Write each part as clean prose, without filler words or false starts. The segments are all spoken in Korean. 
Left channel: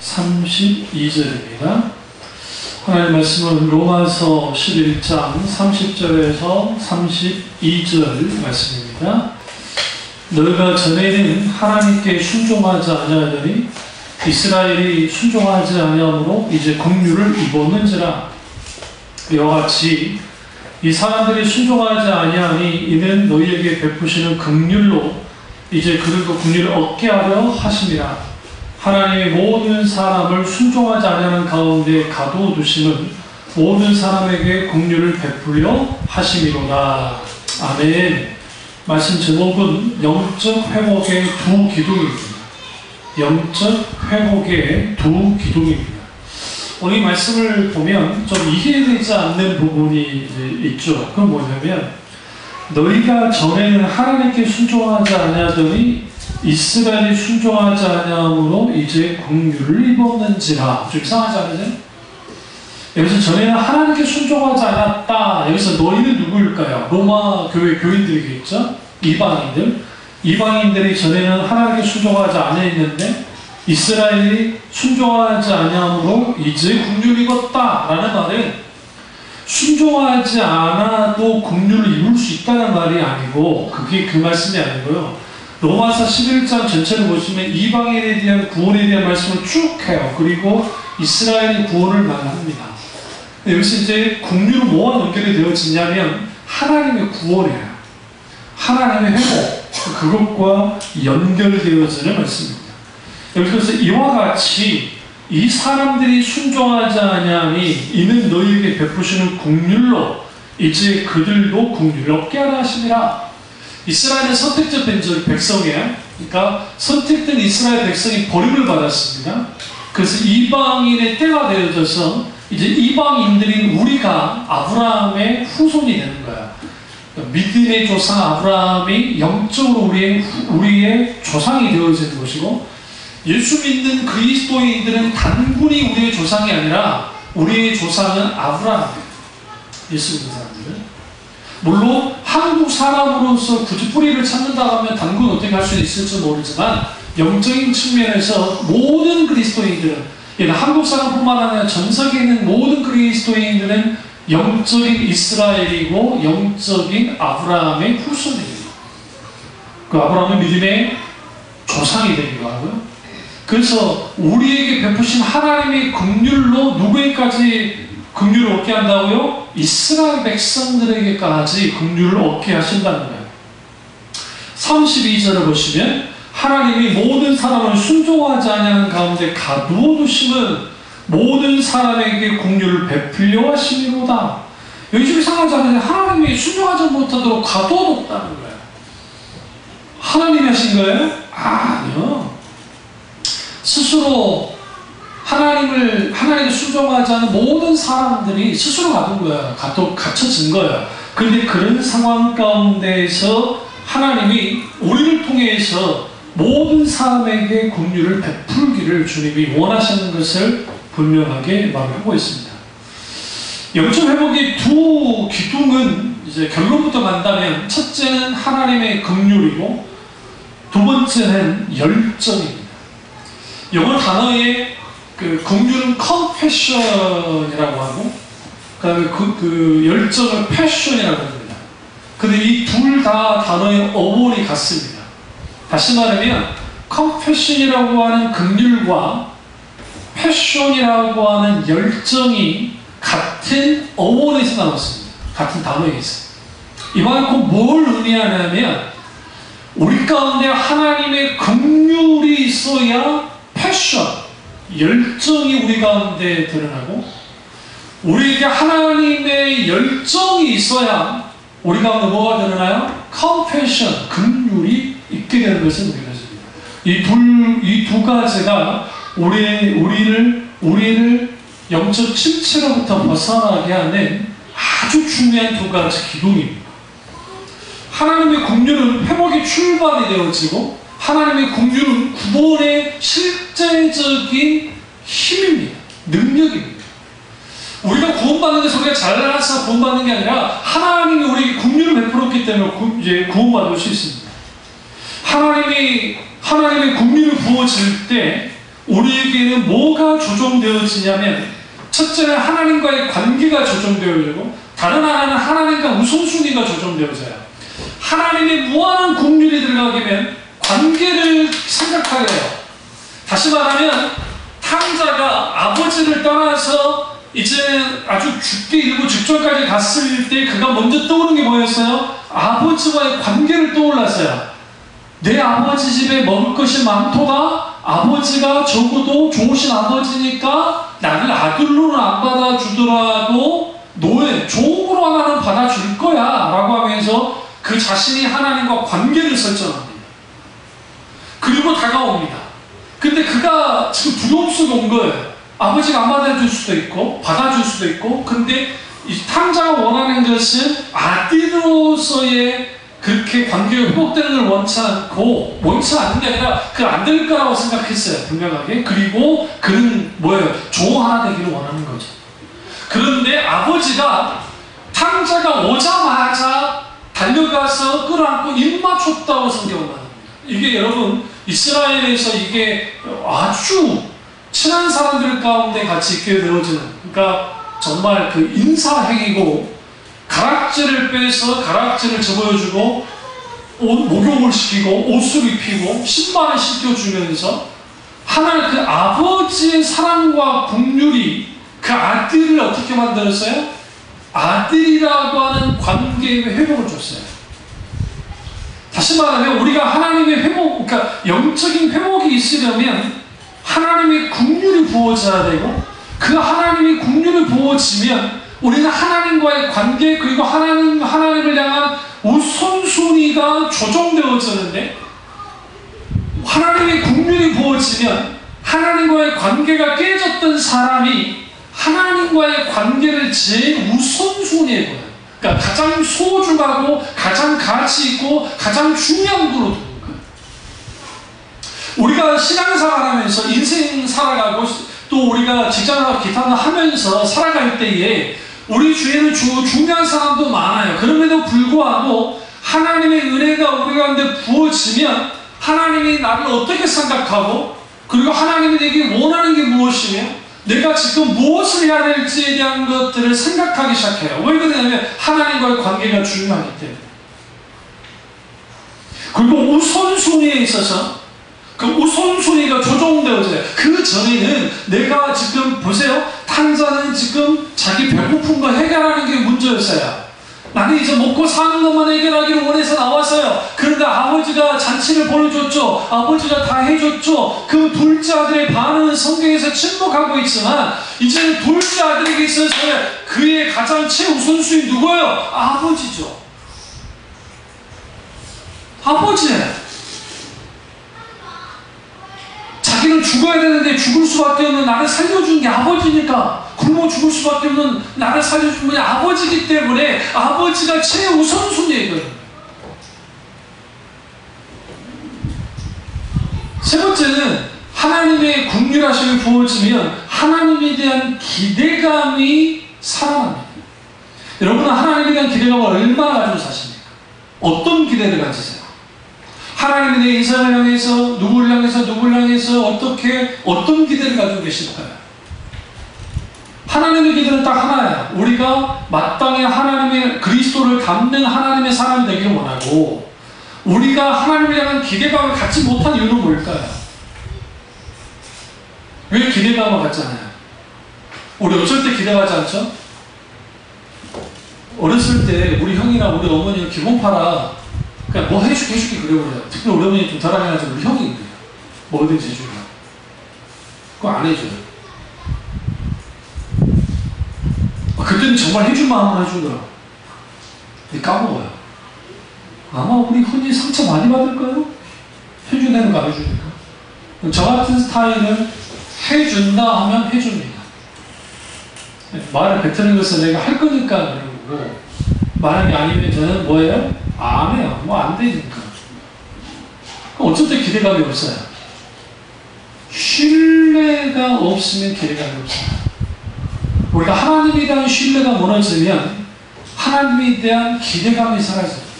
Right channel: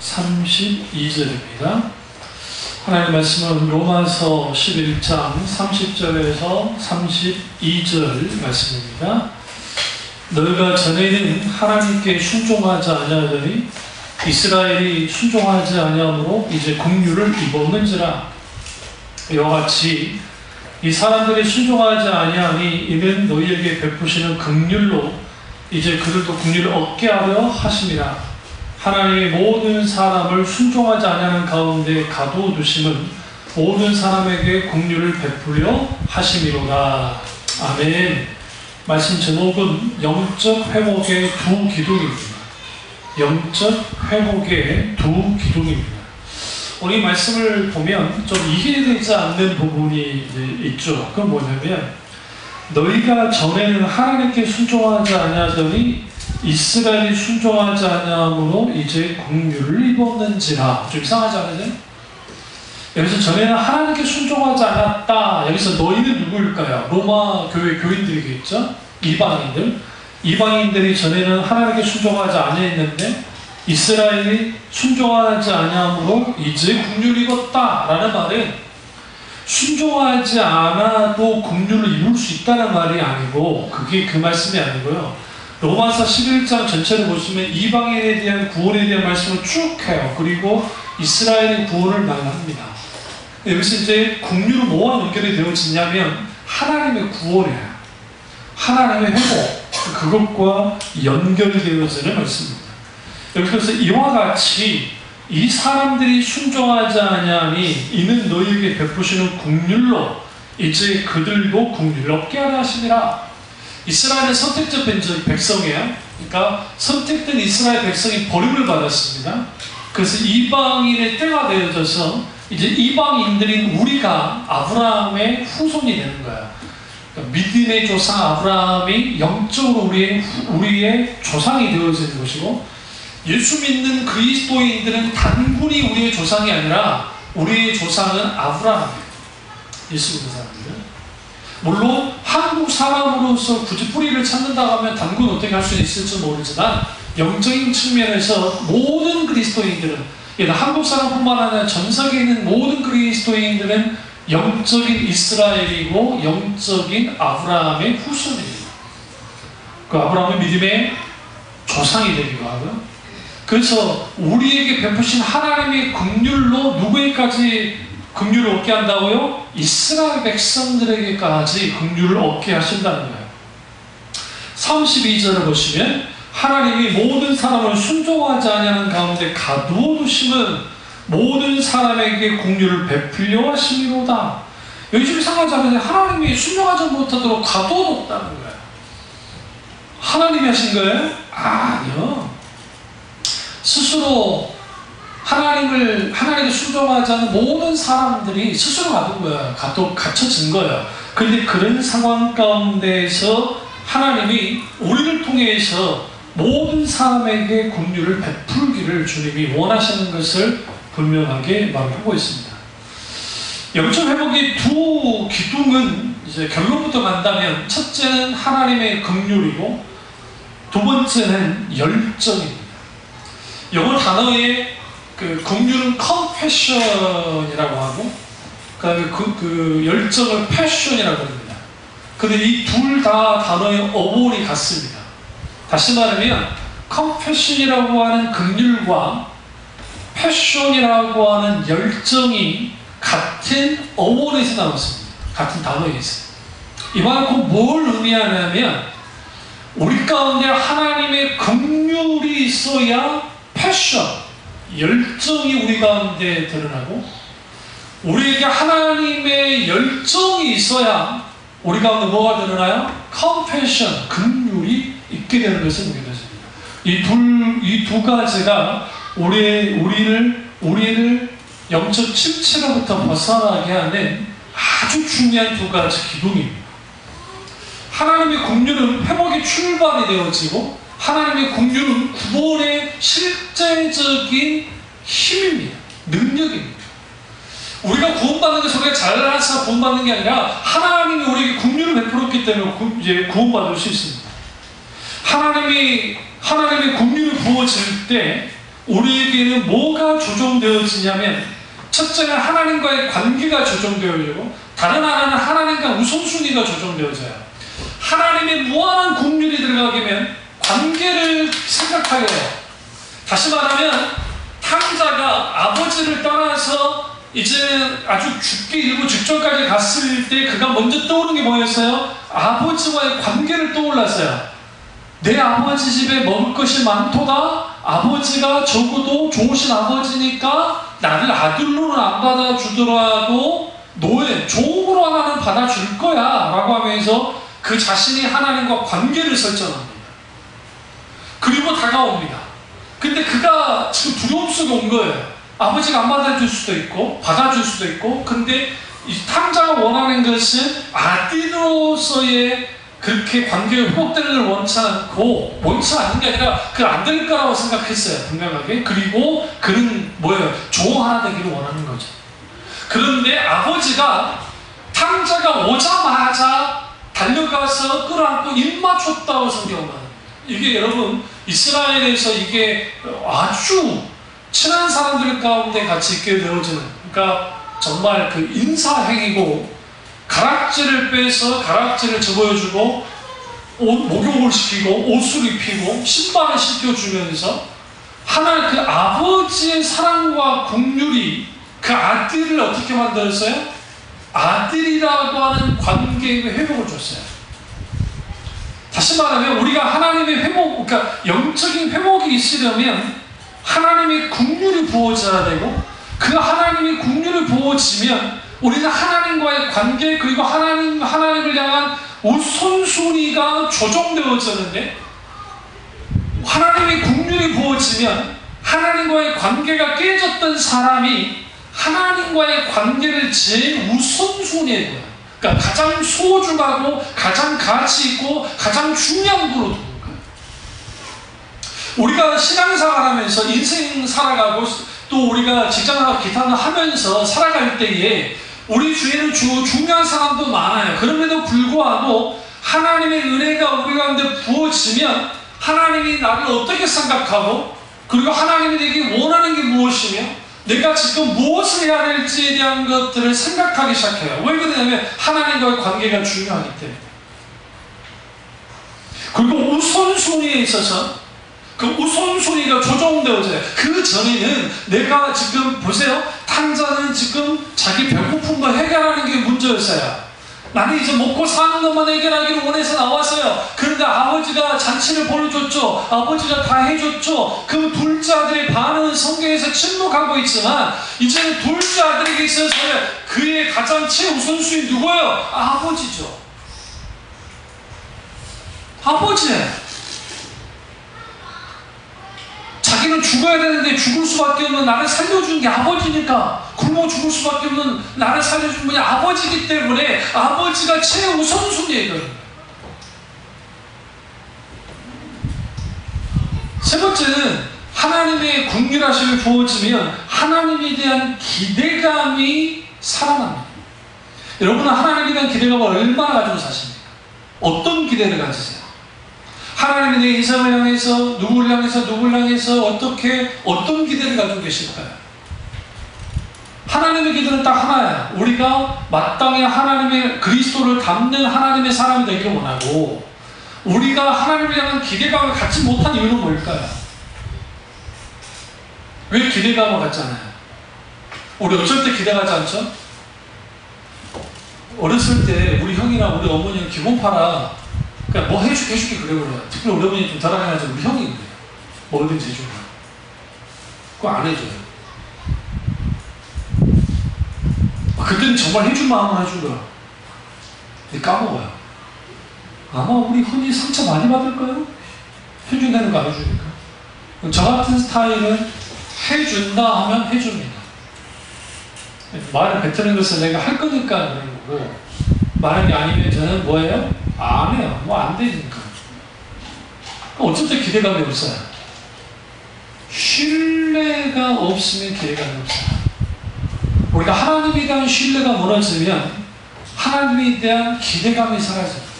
32절입니다. 하나님의 말씀은 로마서 11장 30절에서 32절 말씀입니다. 너희가 전에는 하나님께 순종하지 아니하더니 이스라엘이 순종하지 아니함으로 이제 긍휼을 입었는지라. 이와 같이 이 사람들이 순종하지 아니하니 이는 너희에게 베푸시는 긍휼로 이제 그들도 긍휼을 얻게 하려 하심이라. 하나님의 모든 사람을 순종하지 아니하는 가운데 가두어두심은 모든 사람에게 긍휼을 베풀려 하심이로다. 아멘. 말씀 제목은 영적 회복의 두 기둥입니다. 영적 회복의 두 기둥입니다. 오늘 이 말씀을 보면 좀 이해되지 않는 부분이 있죠. 그건 뭐냐면 너희가 전에는 하나님께 순종하지 아니하더니 이스라엘이 순종하지 아니함으로 이제 긍휼을 입었는지라. 좀 이상하지 않으세요? 여기서 전에는 하나님께 순종하지 않았다. 여기서 너희는 누구일까요? 로마 교회 교인들이겠죠? 이방인들. 이방인들이 전에는 하나님께 순종하지 아니했는데 이스라엘이 순종하지 아니함으로 이제 긍휼을 입었다 라는 말은 순종하지 않아도 긍휼을 입을 수 있다는 말이 아니고, 그게 그 말씀이 아니고요. 로마서 11장 전체를 보시면 이방인에 대한 구원에 대한 말씀을 쭉 해요. 그리고 이스라엘의 구원을 말합니다. 여기서 이제 긍휼은 뭐와 연결이 되어지냐면 하나님의 구원이에요. 하나님의 회복, 그것과 연결되어지는 말씀입니다. 그래서 이와 같이 이 사람들이 순종하지 아니하니 이는 너희에게 베푸시는 긍휼로 이제 그들도 긍휼을 얻게 하려 하심이라. 이스라엘은 선택된 백성이에요. 그러니까 선택된 이스라엘 백성이 버림을 받았습니다. 그래서 이방인의 때가 되어져서 이제 이방인들인 우리가 아브라함의 후손이 되는 거예요. 그러니까 믿음의 조상 아브라함이 영적으로 우리의 조상이 되어지는 것이고, 예수 믿는 그리스도인들은 단군이 우리의 조상이 아니라 우리의 조상은 아브라함이에요. 예수 믿는 사람들은. 물론 한국 사람으로서 굳이 뿌리를 찾는다 하면 단군 어떻게 할 수 있을지 모르지만 영적인 측면에서 모든 그리스도인들은, 한국 사람뿐만 아니라 전 세계에 있는 모든 그리스도인들은 영적인 이스라엘이고 영적인 아브라함의 후손이에요. 그 아브라함은 믿음의 조상이 되기도 하고요. 그래서 우리에게 베푸신 하나님의 긍휼로 누구에게까지 긍휼을 얻게 한다고요? 이스라엘 백성들에게까지 긍휼을 얻게 하신다는 거예요. 32절을 보시면 하나님이 모든 사람을 순종하지 아니하는 가운데 가두어두심은 모든 사람에게 긍휼을 베풀려 하심이로다. 여기 좀 이상하지 않으세요? 하나님이 순종하지 못하도록 가두어뒀다는 거예요. 하나님이 하신 거예요? 아니요. 스스로 하나님께 순종하지 않은 모든 사람들이 스스로 가둔 거예요. 갇혀진 거예요. 그런데 그런 상황 가운데서 하나님이 우리를 통해서 모든 사람에게 긍휼을 베풀기를 주님이 원하시는 것을 분명하게 말하고 있습니다. 영적 회복의 두 기둥은 이제 결론부터 간다면, 첫째는 하나님의 긍휼이고 두 번째는 열정입니다. 영어 단어의 긍휼은 compassion이라고 하고, 그 다음에 그 열정을 passion이라고 합니다. 근데 이 둘 다 단어의 어원이 같습니다. 다시 말하면 compassion이라고 하는 긍휼과 passion이라고 하는 열정이 같은 어원에서 나왔습니다. 같은 단어에서. 이만큼 뭘 의미하냐면 우리 가운데 하나님의 긍휼이 있어야 패션, 열정이 우리 가운데 드러나고, 우리에게 하나님의 열정이 있어야 우리 가운데 뭐가 드러나요? 컴패션, 긍휼이 있게 되는 것을 우리가 믿습니다. 이 두 가지가 우리를 영적 침체로부터 벗어나게 하는 아주 중요한 두 가지 기둥입니다. 하나님의 긍휼은 회복의 출발이 되어지고, 하나님의 긍휼은 구원의 실제적인 힘입니다. 능력입니다. 우리가 구원받는 것은 우리가 잘나서 구원받는 게 아니라 하나님이 우리에게 긍휼을 베풀었기 때문에 이제 구원받을 수 있습니다. 하나님의 긍휼을 부어질 때 우리에게는 뭐가 조정되어지냐면, 첫째는 하나님과의 관계가 조정되어지고, 다른 하나는 하나님과 우선순위가 조정되어져요. 하나님의 무한한 국률이 들어가게 되면 관계를 생각하게 해요. 다시 말하면 탕자가 아버지를 떠나서 이제 아주 죽게 이르고 직전까지 갔을 때 그가 먼저 떠오른 게 뭐였어요? 아버지와의 관계를 떠올랐어요. 내 아버지 집에 먹을 것이 많도다. 아버지가 적어도 좋으신 아버지니까 나를 아들로는 안 받아주더라도 노예, 종으로 하나는 받아줄 거야 라고 하면서 그 자신이 하나님과 관계를 설정합니다. 그리고 다가옵니다. 근데 그가 지금 두려움 속에 온 거예요. 아버지가 안 받아줄 수도 있고 받아줄 수도 있고, 근데 이 탕자가 원하는 것은 아들로서의 그렇게 관계가 회복되는 걸 원치 않는 게 아니라 그 안 될 거라고 생각했어요. 분명하게. 그리고 그는 뭐예요? 종 하나 되기를 원하는 거죠. 그런데 아버지가 탕자가 오자마자 달려가서 끌어안고 입 맞췄다고 성경은 말합니다. 이게 여러분 이스라엘에서 이게 아주 친한 사람들 가운데 같이 있게 되어지는, 그러니까 정말 그 인사행위고, 가락지를 빼서 가락지를 접어주고 목욕을 시키고 옷을 입히고 신발을 신겨주면서 하나님 그 아버지의 사랑과 긍휼이 그 아들을 어떻게 만들었어요? 아들이라고 하는 관계의 회복을 줬어요. 다시 말하면 우리가 하나님의 회복, 그러니까 영적인 회복이 있으려면 하나님의 긍휼이 부어져야 되고, 그 하나님의 긍휼이 부어지면 우리는 하나님과의 관계, 그리고 하나님을 향한 우선순위가 조정되어지는데, 하나님의 긍휼이 부어지면 하나님과의 관계가 깨졌던 사람이 하나님과의 관계를 제일 우선순위에 둬요. 그러니까 가장 소중하고 가장 가치 있고 가장 중요한 거로 두는 거예요. 우리가 신앙생활하면서 인생 살아가고 또 우리가 직장을 기타를 하면서 살아갈 때에 우리 주위에는 중요한 사람도 많아요. 그럼에도 불구하고 하나님의 은혜가 우리 가운데 부어지면 하나님이 나를 어떻게 생각하고, 그리고 하나님이 내게 원하는 게 무엇이며 내가 지금 무엇을 해야 될지에 대한 것들을 생각하기 시작해요. 왜 그러냐면 하나님과의 관계가 중요하기 때문에. 그리고 우선순위에 있어서 그 우선순위가 조정되어져요. 그 전에는 내가 지금 보세요. 탕자는 지금 자기 배고픈 거 해결하는 게 문제였어요. 나는 이제 먹고 사는 것만 해결하기를 원해서 나왔어요. 그런데 아버지가 잔치를 벌여줬죠. 아버지가 다 해줬죠. 그 둘째 아들의 반응은 성경에서 침묵하고 있지만, 이제는 둘째 아들에게 있어서 그의 가장 최우선순위 누구예요? 아버지죠. 아버지예요. 자기는 죽어야 되는데 죽을 수밖에 없는 나를 살려준 게 아버지니까, 굶어 죽을 수밖에 없는 나를 살려준 분이 아버지이기 때문에 아버지가 최우선순위예요. 세 번째는 하나님의 긍휼하심이 부어지면 하나님에 대한 기대감이 살아납니다. 여러분은 하나님에 대한 기대감을 얼마나 가지고 사십니까? 어떤 기대를 가지세요? 하나님이 내 인생을 향해서 누구를 향해서 어떤 기대를 가지고 계실까요? 하나님의 기대는 딱 하나예요. 우리가 마땅히 하나님의 그리스도를 닮는 하나님의 사람이 되기를 원하고, 우리가 하나님을 향한 기대감을 갖지 못한 이유는 뭘까요? 왜 기대감을 갖잖아요? 우리 어쩔 때 기대하지 않죠? 어렸을 때 우리 형이나 우리 어머니는 기본파라 그러니까 뭐 해주기 그래요. 특히 우리 어머니 좀 잘하셔가지고 우리 형이 그래요. 뭐든지 해줘요. 그거 안 해줘요. 그때는 정말 해줄 마음으로 해주더라. 근데 까먹어요. 아마 우리 흔히 상처 많이 받을까요? 해준다는 거 안 해주니까. 저 같은 스타일은 해준다 하면 해줍니다. 말을 뱉는 것을 내가 할 거니까 그러는 거고, 말하는 게 아니면 저는 뭐예요? 안 해요. 뭐 안 되니까. 어쩔 때 기대감이 없어요. 신뢰가 없으면 기대감이 없어요. 우리가 하나님에 대한 신뢰가 무너지면 하나님에 대한 기대감이 사라져요.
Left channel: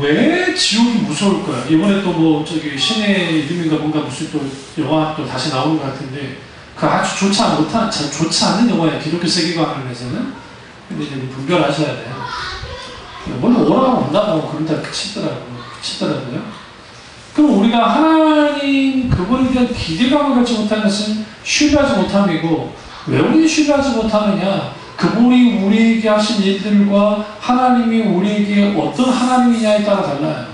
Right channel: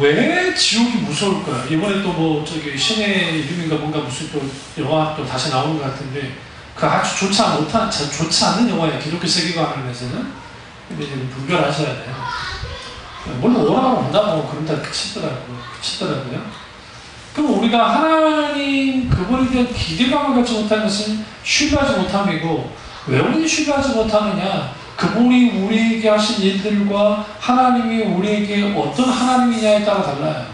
왜 지옥이 무서울 거야? 이번에 또 뭐 저기 신의 이름인가 뭔가 무슨 또 영화 또 다시 나오는 것 같은데 그 아주 좋지 않은 영화예요. 기독교 세계관을 위해서는. 근데 이제 분별하셔야 돼요. 물론 오라고 온다고 그런다 그치더라고요. 그럼 우리가 하나님 그분에 대한 기대감을 갖지 못한 것은 신뢰하지 못함이고, 왜 우리 신뢰하지 못하느냐? 그분이 우리에게 하신 일들과 하나님이 우리에게 어떤 하나님이냐에 따라 달라요.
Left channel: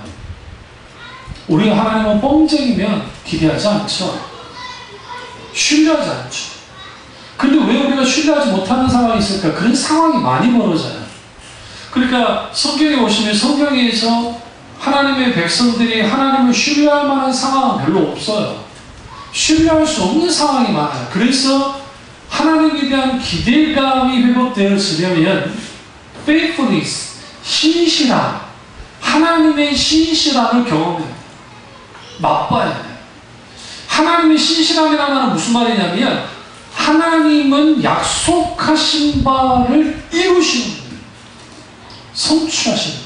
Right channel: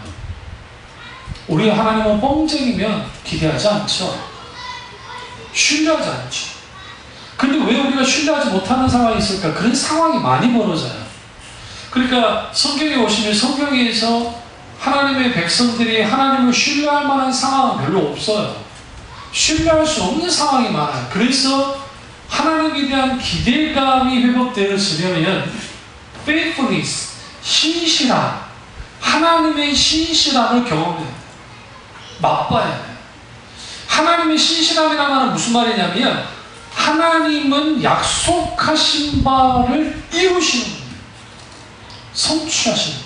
우리가 하나님은 뻥쟁이면 기대하지 않죠. 신뢰하지 않죠. 근데 왜 우리가 신뢰하지 못하는 상황이 있을까? 그런 상황이 많이 벌어져요. 그러니까 성경에 오시면 성경에서 하나님의 백성들이 하나님을 신뢰할 만한 상황은 별로 없어요. 신뢰할 수 없는 상황이 많아요. 그래서 하나님에 대한 기대감이 회복되어지려면 faithfulness, 신실함, 하나님의 신실함을 경험해야 돼요. 맛봐야 돼요. 하나님의 신실함이라는 말은 무슨 말이냐면 하나님은 약속하신 바를 이루시는 거예요. 성취하시는 거예요.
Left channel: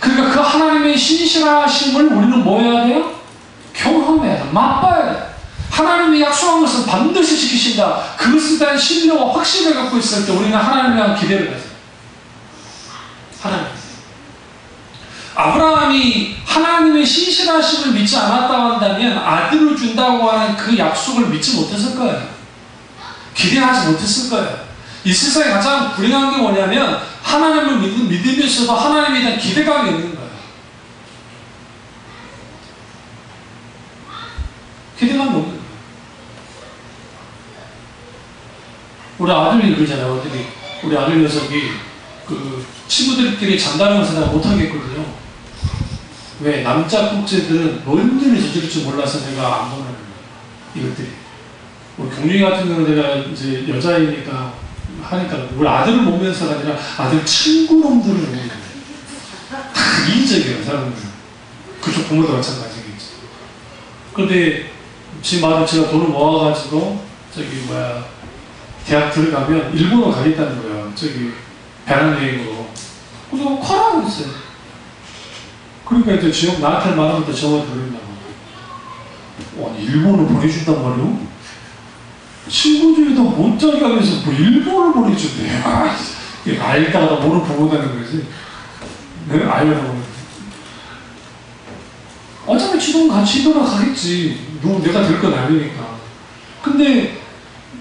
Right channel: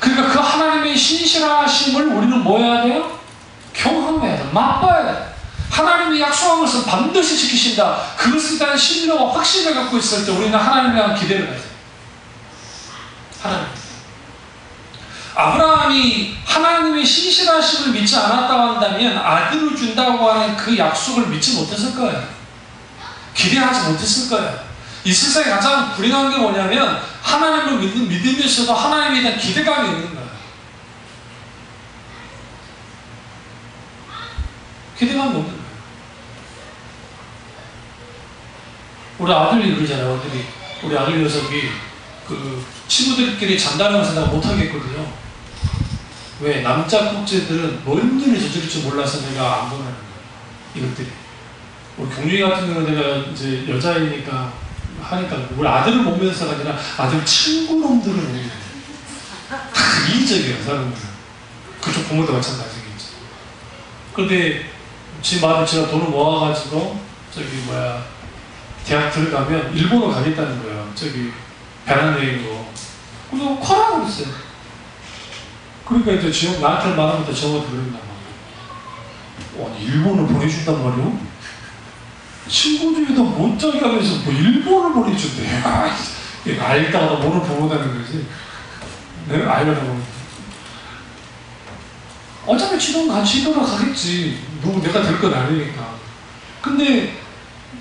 그러니까 그 하나님의 신실하심을 우리는 뭐 해야 돼요? 경험해야 돼요. 맛봐야 돼요. 하나님이 약속한 것을 반드시 지키신다. 그것에 대한 신뢰와 확신을 갖고 있을 때 우리는 하나님에 대한 기대를 가져요. 하나님. 아브라함이 하나님의 신실하심을 믿지 않았다고 한다면 아들을 준다고 하는 그 약속을 믿지 못했을 거예요. 기대하지 못했을 거예요. 이 세상에 가장 불행한 게 뭐냐면 하나님을 믿으면서도 하나님에 대한 기대감이 있는 거예요. 기대감이 없는 거예요. 우리 아들이 그러잖아요. 우리 아들 녀석이 그 친구들끼리 잔다면서 내가 못하겠거든요. 왜? 남자 국제들은 뭔지를 저지를 줄 몰라서 내가 안 보내는 거예요. 이것들이. 우리 경준이 같은 경우는 내가 이제 여자이니까 하니까 우리 아들을 보면서가 아니라 아들 친구놈들을 보는 거예요. 다 이기적이에요, 사람들은. 그쪽 부모도 마찬가지겠지. 그런데 지금 아들 제가 돈을 모아가지고 대학 들어가면 일본어 가겠다는 거예요. 배낭여행으로. 그래서 커라고 했어요. 그러니까 이제 지금 나한테 말하면 또 저거 들린다고. 아니, 일본을 보내준단 말이요? 친구들이 다 못자기가 그래서 뭐 일본을 보내준대. 알다가 모르는 부모다는 거지. 내가 알려다 보면. 어차피 지금 같이 일본을 가겠지. 내가 될 건 아니니까. 근데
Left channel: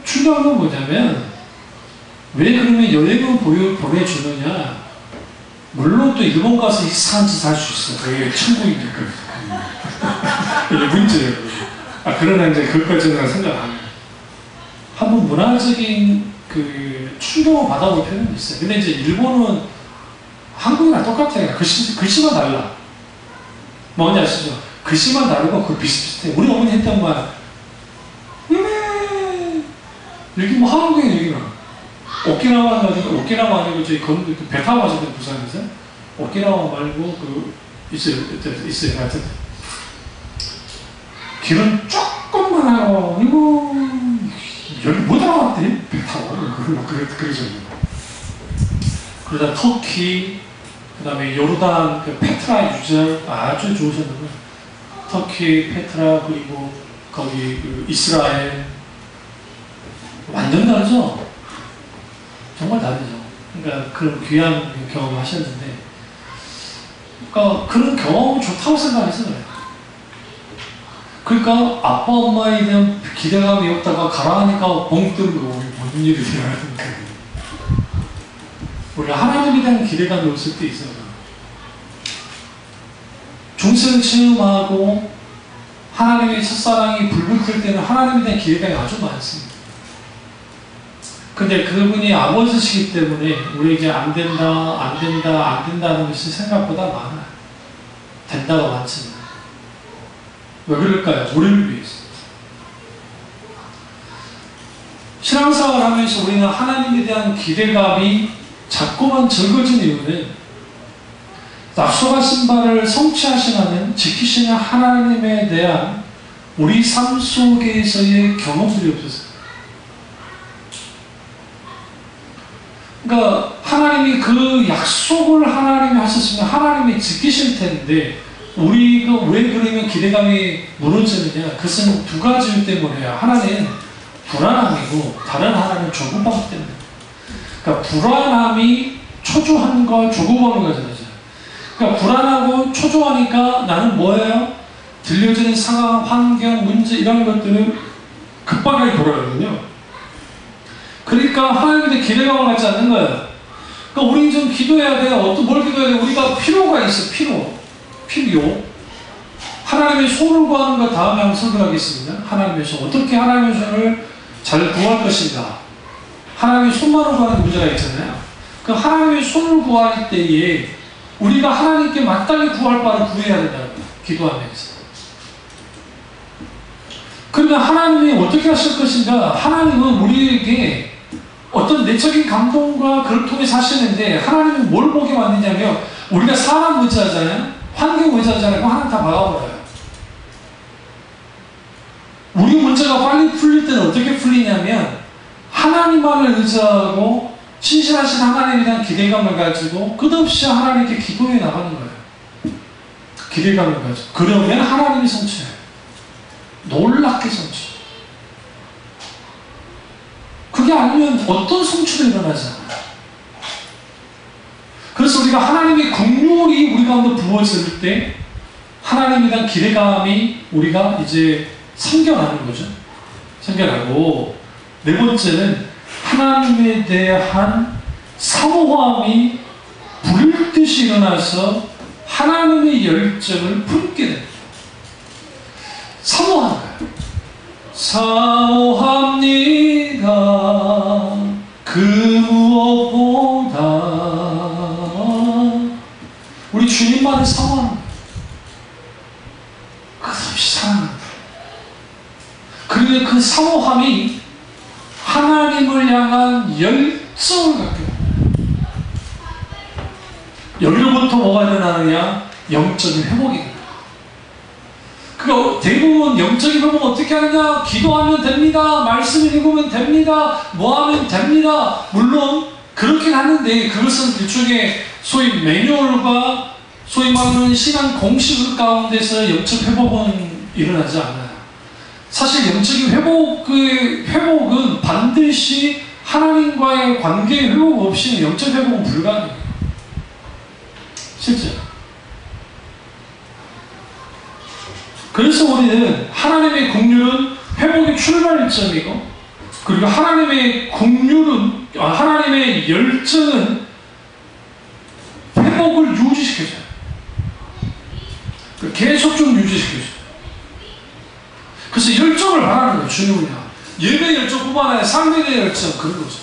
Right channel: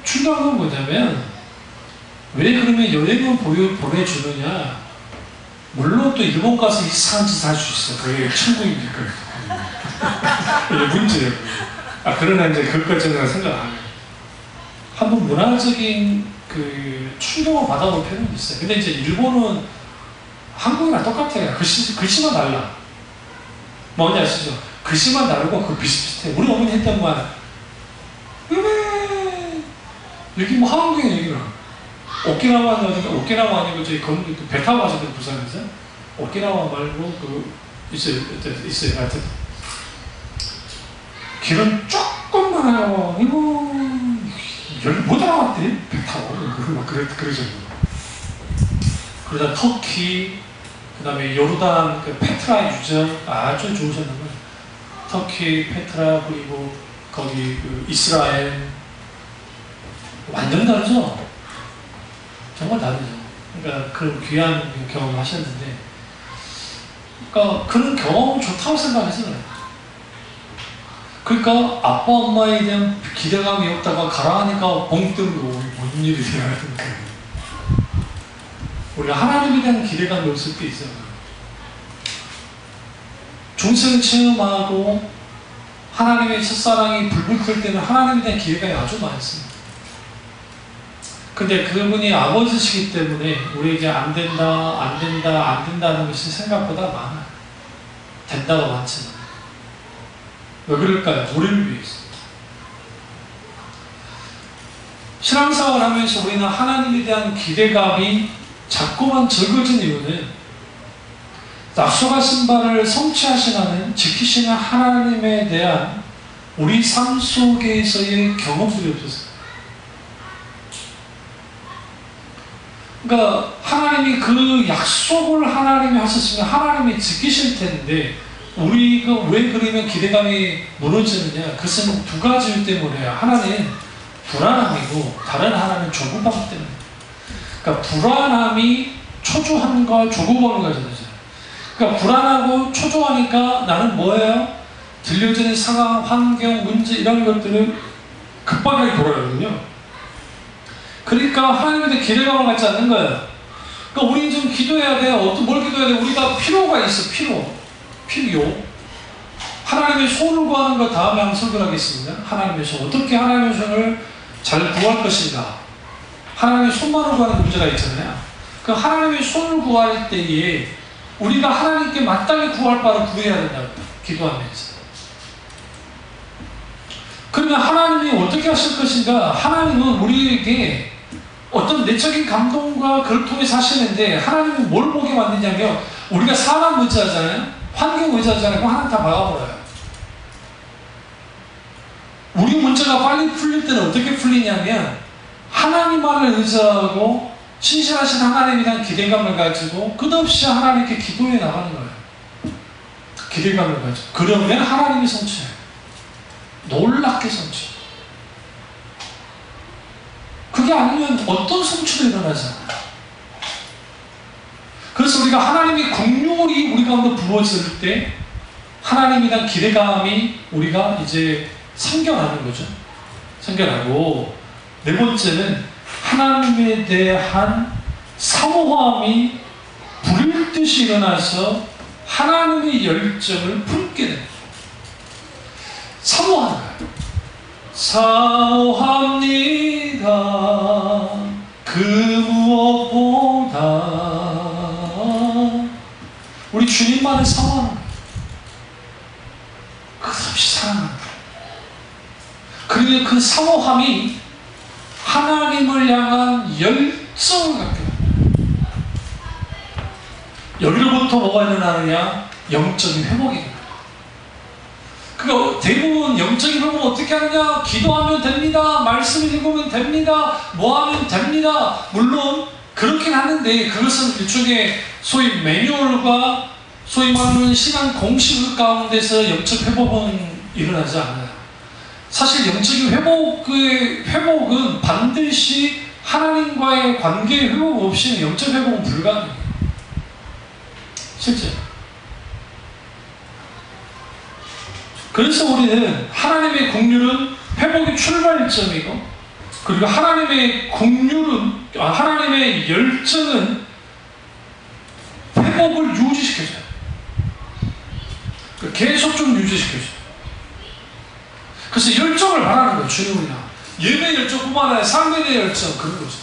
중요한 건 뭐냐면 왜 그러면 여행을 보내주느냐. 물론 또 일본 가서 이상한 짓 할 수 있어. 그게 천국이니까. 이게 문제예요. 그러나 이제 그것까지는 생각 안 해요. 한번 문화적인 그 충격을 받아볼 필요는 있어요. 근데 이제 일본은 한국이랑 똑같아요. 글씨만 달라. 뭔지 아시죠? 글씨만 다르고 그 비슷비슷해. 우리 어머니 했던 말. 여기 뭐 한국에 여기는 오키나와 아니고 저희 배 타고 가셨거든요, 부산에서. 오키나와 말고 있어요. 하여튼 길은 조금만 하고 이거 여기 못 알아봤대. 배 타고 그러죠. 그러다 터키, 그 다음에 요르단 페트라 유적 아주 좋으셨는데 터키, 페트라 그리고 거기 이스라엘 완전 다르죠. 정말 다르죠. 그러니까 그런 귀한 경험을 하셨는데, 그러니까 그런 경험은 좋다고 생각해서 그래요. 그러니까 아빠 엄마에 대한 기대감이 없다가 가라하니까 벙 뜨고 무슨 일이 일어나는 거예요. 우리가 하나님에 대한 기대감이 없을 때 있어요. 중생 체험하고 하나님의 첫사랑이 불불 끓을 때는 하나님에 대한 기대감이 아주 많습니다. 근데 그분이 아버지시기 때문에 우리에게 안 된다는 것이 생각보다 많아요. 된다가 많지만. 왜 그럴까요? 우리를 위해서. 신앙생활을 하면서 우리는 하나님에 대한 기대감이 자꾸만 적어진 이유는 약속하신 바를 성취하시는 지키시는 하나님에 대한 우리 삶 속에서의 경험들이 없었어요. 그러니까 하나님이 그 약속을 하나님이 하셨으면 하나님이 지키실 텐데 우리가 왜 그러면 기대감이 무너지느냐? 그것은 두 가지 이유 때문에요. 하나는 불안함이고 다른 하나는 조급함 때문에. 그러니까 불안함이 초조함과 조급함을 가져다잖아요. 그러니까 불안하고 초조하니까 나는 뭐예요? 들려지는 상황, 환경, 문제 이런 것들을 급박하게 돌아가거든요. 그러니까 하나님에 대해 기대감을 갖지 않는 거예요. 그러니까 우리는 좀 기도해야 돼요. 뭘 기도해야 돼요? 우리가 필요가 있어. 필요. 하나님의 손을 구하는 것 다음에 한번 설교하겠습니다. 하나님의 손. 어떻게 하나님의 손을 잘 구할 것인가? 하나님의 손만을 구하는 문제가 있잖아요. 그 하나님의 손을 구할 때에 우리가 하나님께 마땅히 구할 바를 구해야 된다고요. 기도하면서. 그러면 하나님이 어떻게 하실 것인가? 하나님은 우리에게 어떤 내적인 감동과 그걸 통해서 하시는데 하나님은 뭘 보게 만드냐면 우리가 사람 의지하잖아요. 환경 의지하잖아요. 그럼 하나님 다 막아버려요. 우리 문제가 빨리 풀릴 때는 어떻게 풀리냐면 하나님만을 의지하고 신실하신 하나님에 대한 기대감을 가지고 끝없이 하나님께 기도해 나가는 거예요. 기대감을 가지고. 그러면 하나님이 성취해요. 놀랍게 성취. 그게 아니면 어떤 성취도 일어나지 않아요. 그래서 우리가 하나님의 긍휼이 우리 가운데 부어질 때 하나님에 대한 기대감이 우리가 이제 생겨나는 거죠. 생겨나고 네 번째는 하나님에 대한 사모함이 불듯이 일어나서 하나님의 열정을 품게 됩니다. 사모하는 거예요. 사모합니다. 그 무엇보다 우리 주님만을 사모하는 거예요. 끝없이 사랑하는 거예요. 그리고 그 사모함이 하나님을 향한 열정을 갖게 됩니다. 여기로부터 뭐가 일어나느냐? 영적인 회복입니다. 그러니까 대부분 영적인 회복은 어떻게 하느냐? 기도하면 됩니다. 말씀을 읽으면 됩니다. 뭐 하면 됩니다. 물론 그렇긴 하는데 그것은 일종의 소위 매뉴얼과 소위 말하는 신앙 공식 가운데서 영적 회복은 일어나지 않아요. 사실 영적인 회복은 반드시 하나님과의 관계의 회복 없이는 영적 회복은 불가능해요. 실제. 그래서 우리는 하나님의 긍휼은 회복의 출발점이고, 그리고 하나님의 긍휼은, 하나님의 열정은 회복을 유지시켜줘요. 계속 좀 유지시켜줘요. 그래서 열정을 바라는 거예요, 주님을 향해. 예배 열정뿐만 아니라 삶의 열정, 그런 거죠.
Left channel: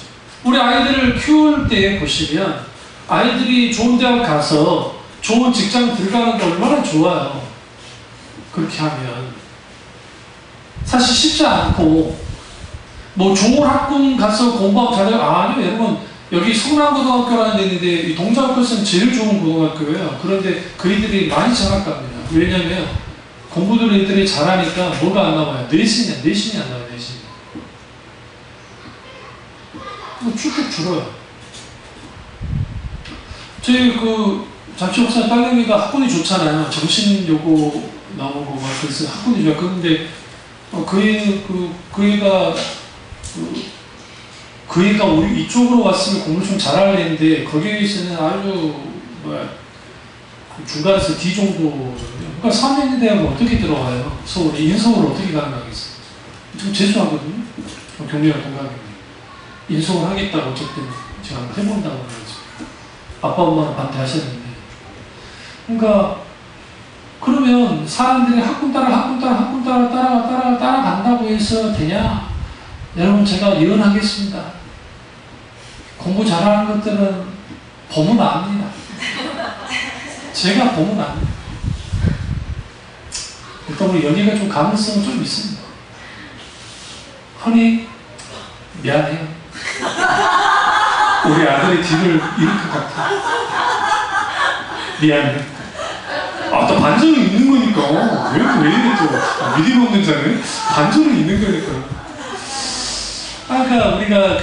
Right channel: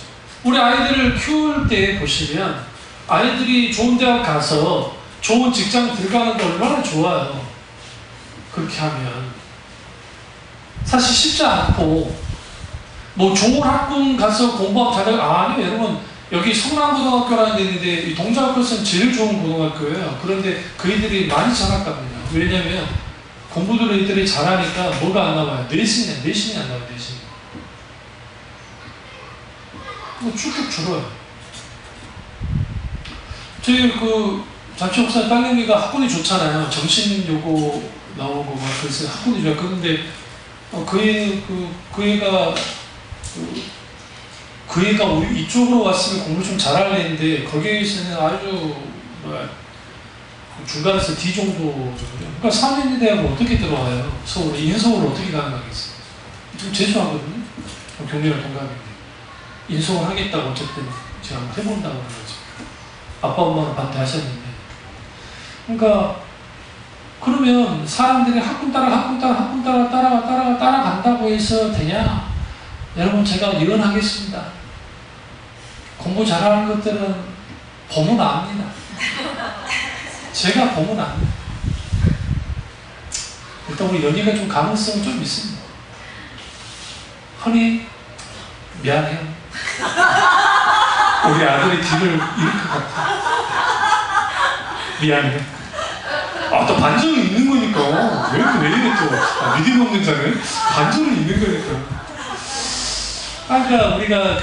우리 아이들을 키울 때 보시면, 아이들이 좋은 대학 가서 좋은 직장 들어가는 게 얼마나 좋아요. 그렇게 하면. 사실 쉽지 않고, 뭐 좋은 학군 가서 공부하면 잘해요. 아니요, 여러분. 여기 성남고등학교라는 데 있는데, 이 동작교는 제일 좋은 고등학교예요. 그런데 그 애들이 많이 장학 갑니다. 왜냐면, 공부들 애들이 잘하니까 뭐가 안 나와요? 내신이 안 나와요, 내신이. 뭐 쭉쭉 줄어요. 저희 자취업사 딸내미가 학군이 좋잖아요. 정신요고 나오고 막 그래서 학군이 좋아요. 그런데 그 애가 이쪽으로 왔으면 공부 좀 잘할 애인데 거기에서는 아주 중간에서 D 정도거든요. 그러니까 3년 대학은 어떻게 들어와요? 서울에 인서울 어떻게 가능하겠어요? 좀 재수하거든요. 경리랑 동갑이에요. 인서울 하겠다고 어쨌든 제가 한번 해본다고 그러죠. 아빠 엄마는 반대하셨는데. 그러니까 그러면 사람들이 학군 따라간다고 해서 되냐? 여러분 제가 예언하겠습니다. 공부 잘하는 것들은 보면 압니다. 제가 보면 압니다. 일단 우리 연희가 좀 가능성은 좀 있습니다. 허니 미안해요. 우리 아들이 뒤를 잃을 것 같아. 미안해. 또 반전은 있는 거니까. 왜 이래 또. 믿음 없는 자는 반전은 있는 거니까. 그러니까 우리가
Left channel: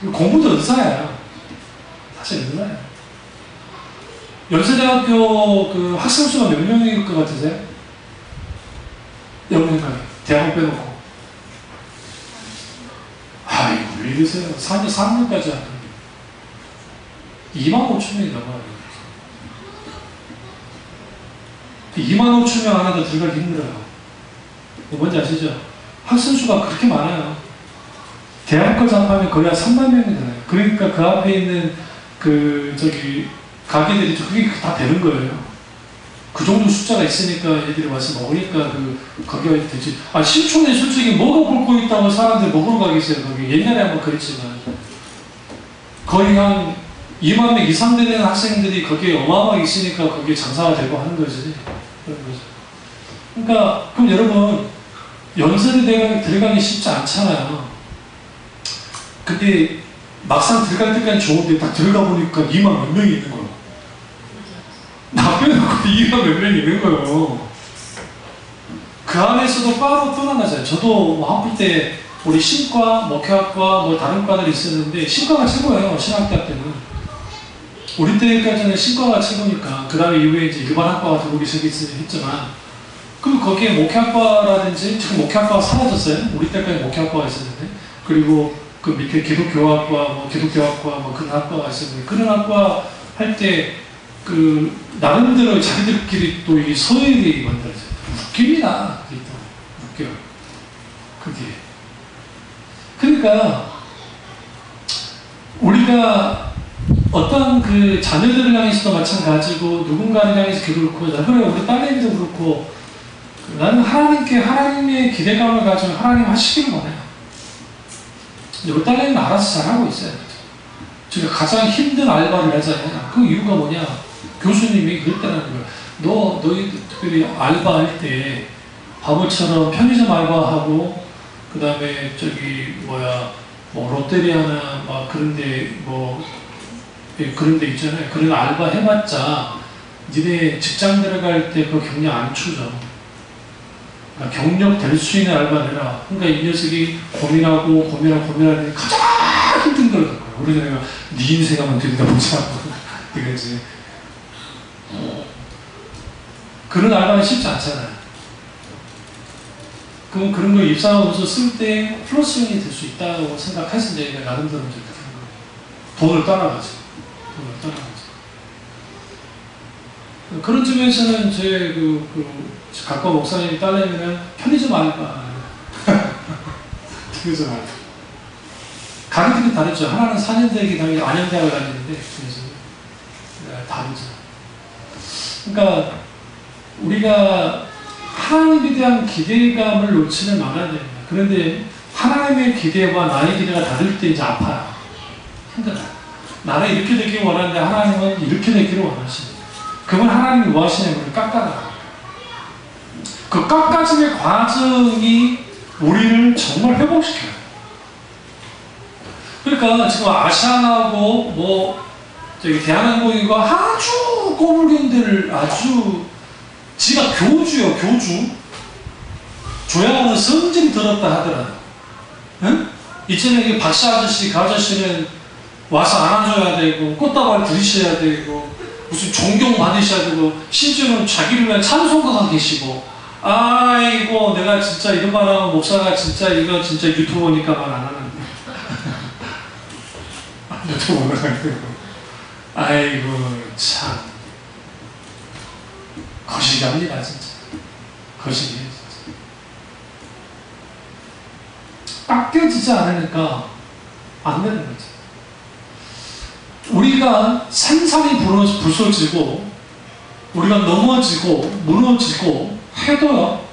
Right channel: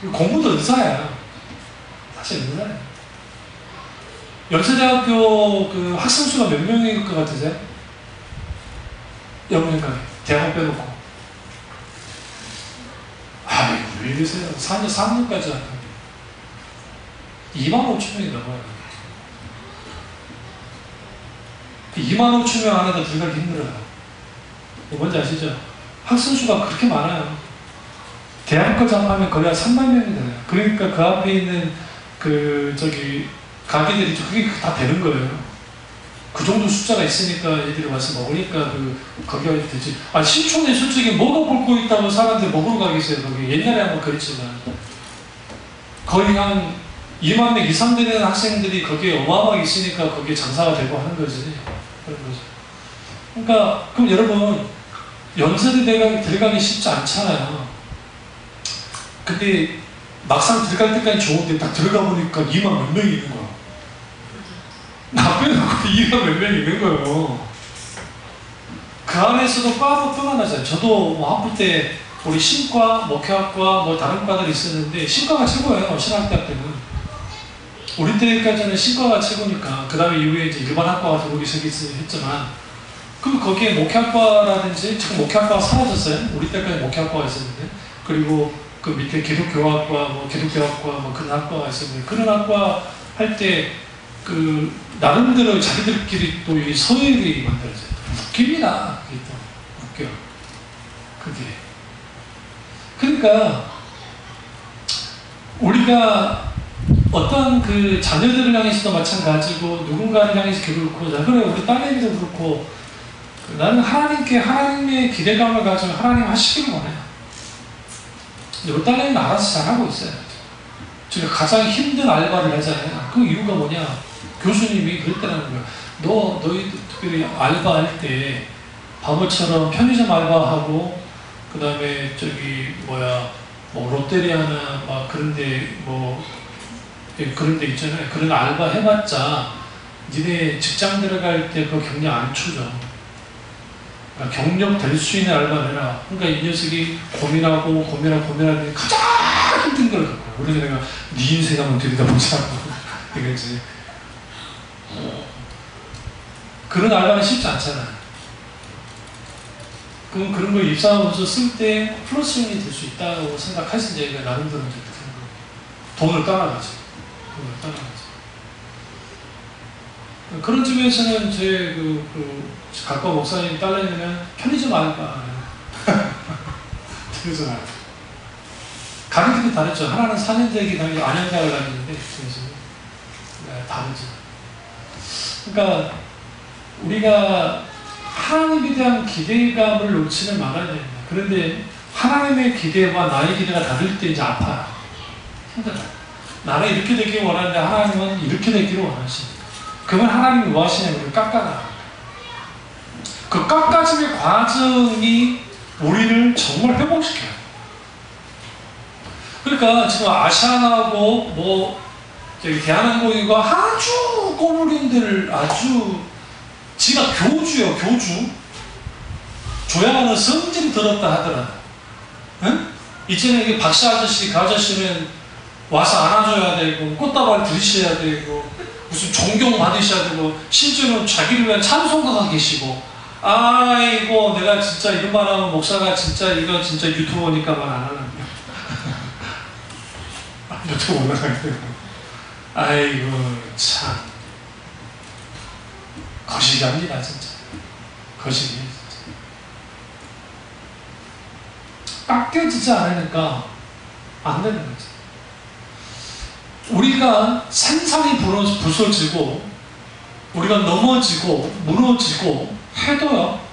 공부도 은사야. 사실 은사야. 연세대학교 그 학생 수가 몇 명일 것 같으세요? 여러분 대학원 빼놓고. 아이고, 왜 이러세요? 4년, 3년까지 하는 25,000명이 넘어요. 25,000명 안에도 들어가기 힘들어요. 뭔지 아시죠? 학생 수가 그렇게 많아요. 대학까지 합하면 거의 한 3만 명이 되나요? 그러니까 그 앞에 있는 가게들이 그게 다 되는 거예요. 그 정도 숫자가 있으니까 애들이 와서 먹으니까 거기가 되지. 신촌에 솔직히 뭐가 볼 거 있다고 사람들이 먹으러 가겠어요. 거기 옛날에 한번 그랬지만 거의 한 2만 명 이상 되는 학생들이 거기에 어마어마하게 있으니까 거기에 장사가 되고 하는 거지. 그런 거죠. 그러니까 그럼 여러분 연세대 들어가기 쉽지 않잖아요. 근데 막상 들어갈 때까지 좋은데 딱 들어가 보니까 2만 몇 명이 있는 거예요. 나 빼놓고 2만 몇 명이 있는 거예요. 그 안에서도 과도 또 나눠져요. 저도 뭐 학부 때 우리 신과, 목회학과, 뭐 다른 과들이 있었는데 신과가 최고예요. 신학대학 때는. 우리 때까지는 신과가 최고니까 그 다음에 이후에 이제 일반 학과가 들어오기 시작했지만 그럼 거기에 목회학과라든지 지금 목회학과가 사라졌어요. 우리 때까지 목회학과가 있었는데 그리고 그 밑에 기독교학과, 뭐 기독교학과, 뭐 그런 학과가 있었는데 그런 학과 할 때 나름대로 자기들끼리 또 이 서열이 만들어져요. 웃깁니다. 그게 또 웃겨요. 그게. 그러니까 우리가 어떤 자녀들을 향해서도 마찬가지고 누군가를 향해서도 그렇고 그래 우리 딸내미도 그렇고 나는 하나님의 기대감을 가지고 하나님 하시기를 원해요. 우리 딸내미는 알아서 잘하고 있어요. 제가 가장 힘든 알바를 하잖아요. 그 이유가 뭐냐? 교수님이 그랬다는 거예요. 너희 특별히 알바할 때 바보처럼 편의점 알바하고 그 다음에 뭐 롯데리아나 막 그런데 그런데 있잖아요. 그런 알바 해봤자 니네 직장 들어갈 때 그 경력 안 추죠. 그러니까 경력 될 수 있는 알바를 해라. 그러니까 이 녀석이 고민하는 가장 힘든 걸 갖고 그래서 내가 네 인생 한번 들여다보자고 이거지. 그런 알바는 쉽지 않잖아요. 그럼 그런 걸 입사하면서 쓸 때 플러스용이 될 수 있다고 생각하신 얘기가 나름대로 이제 돈을 따라가죠. 그런 점에서는 제 각과 목사님이 딸내미는 편의점 알바. 편의점 알바. 가격이 다르죠. 하나는 4년대이기 때문에 안양대학을 다니는데 그래서 다르죠. 그러니까 우리가 하나님에 대한 기대감을 놓치는 말아야 됩니다. 그런데 하나님의 기대와 나의 기대가 다를 때 이제 아파요. 힘들어요. 나는 이렇게 되기를 원하는데 하나님은 이렇게 되기를 원하십니다. 그건 하나님이 뭐 하시냐면 깎아라. 그 깎아짐의 과정이 우리를 정말 회복시켜요. 그러니까 지금 아시아나하고 대한항공이가 아주 꼬물린 데를 아주 지가 교주요, 교주. 조야는 성질이 들었다 하더라. 응? 이전에 박씨 아저씨, 그 아저씨는 와서 안아줘야 되고, 꽃다발 들이셔야 되고, 무슨 존경 받으셔야 되고, 심지어는 자기를 위한 찬송가가 계시고, 아이고, 내가 진짜 이런 말 하면 목사가 이거 진짜 유튜버니까 말 안 하는 유튜브 올라가고. 아이고, 참. 거시기합니다, 진짜. 거시기. 깎여지지 않으니까 안 되는 거죠. 우리가 산산이 부서지고, 우리가 넘어지고, 무너지고 해도요,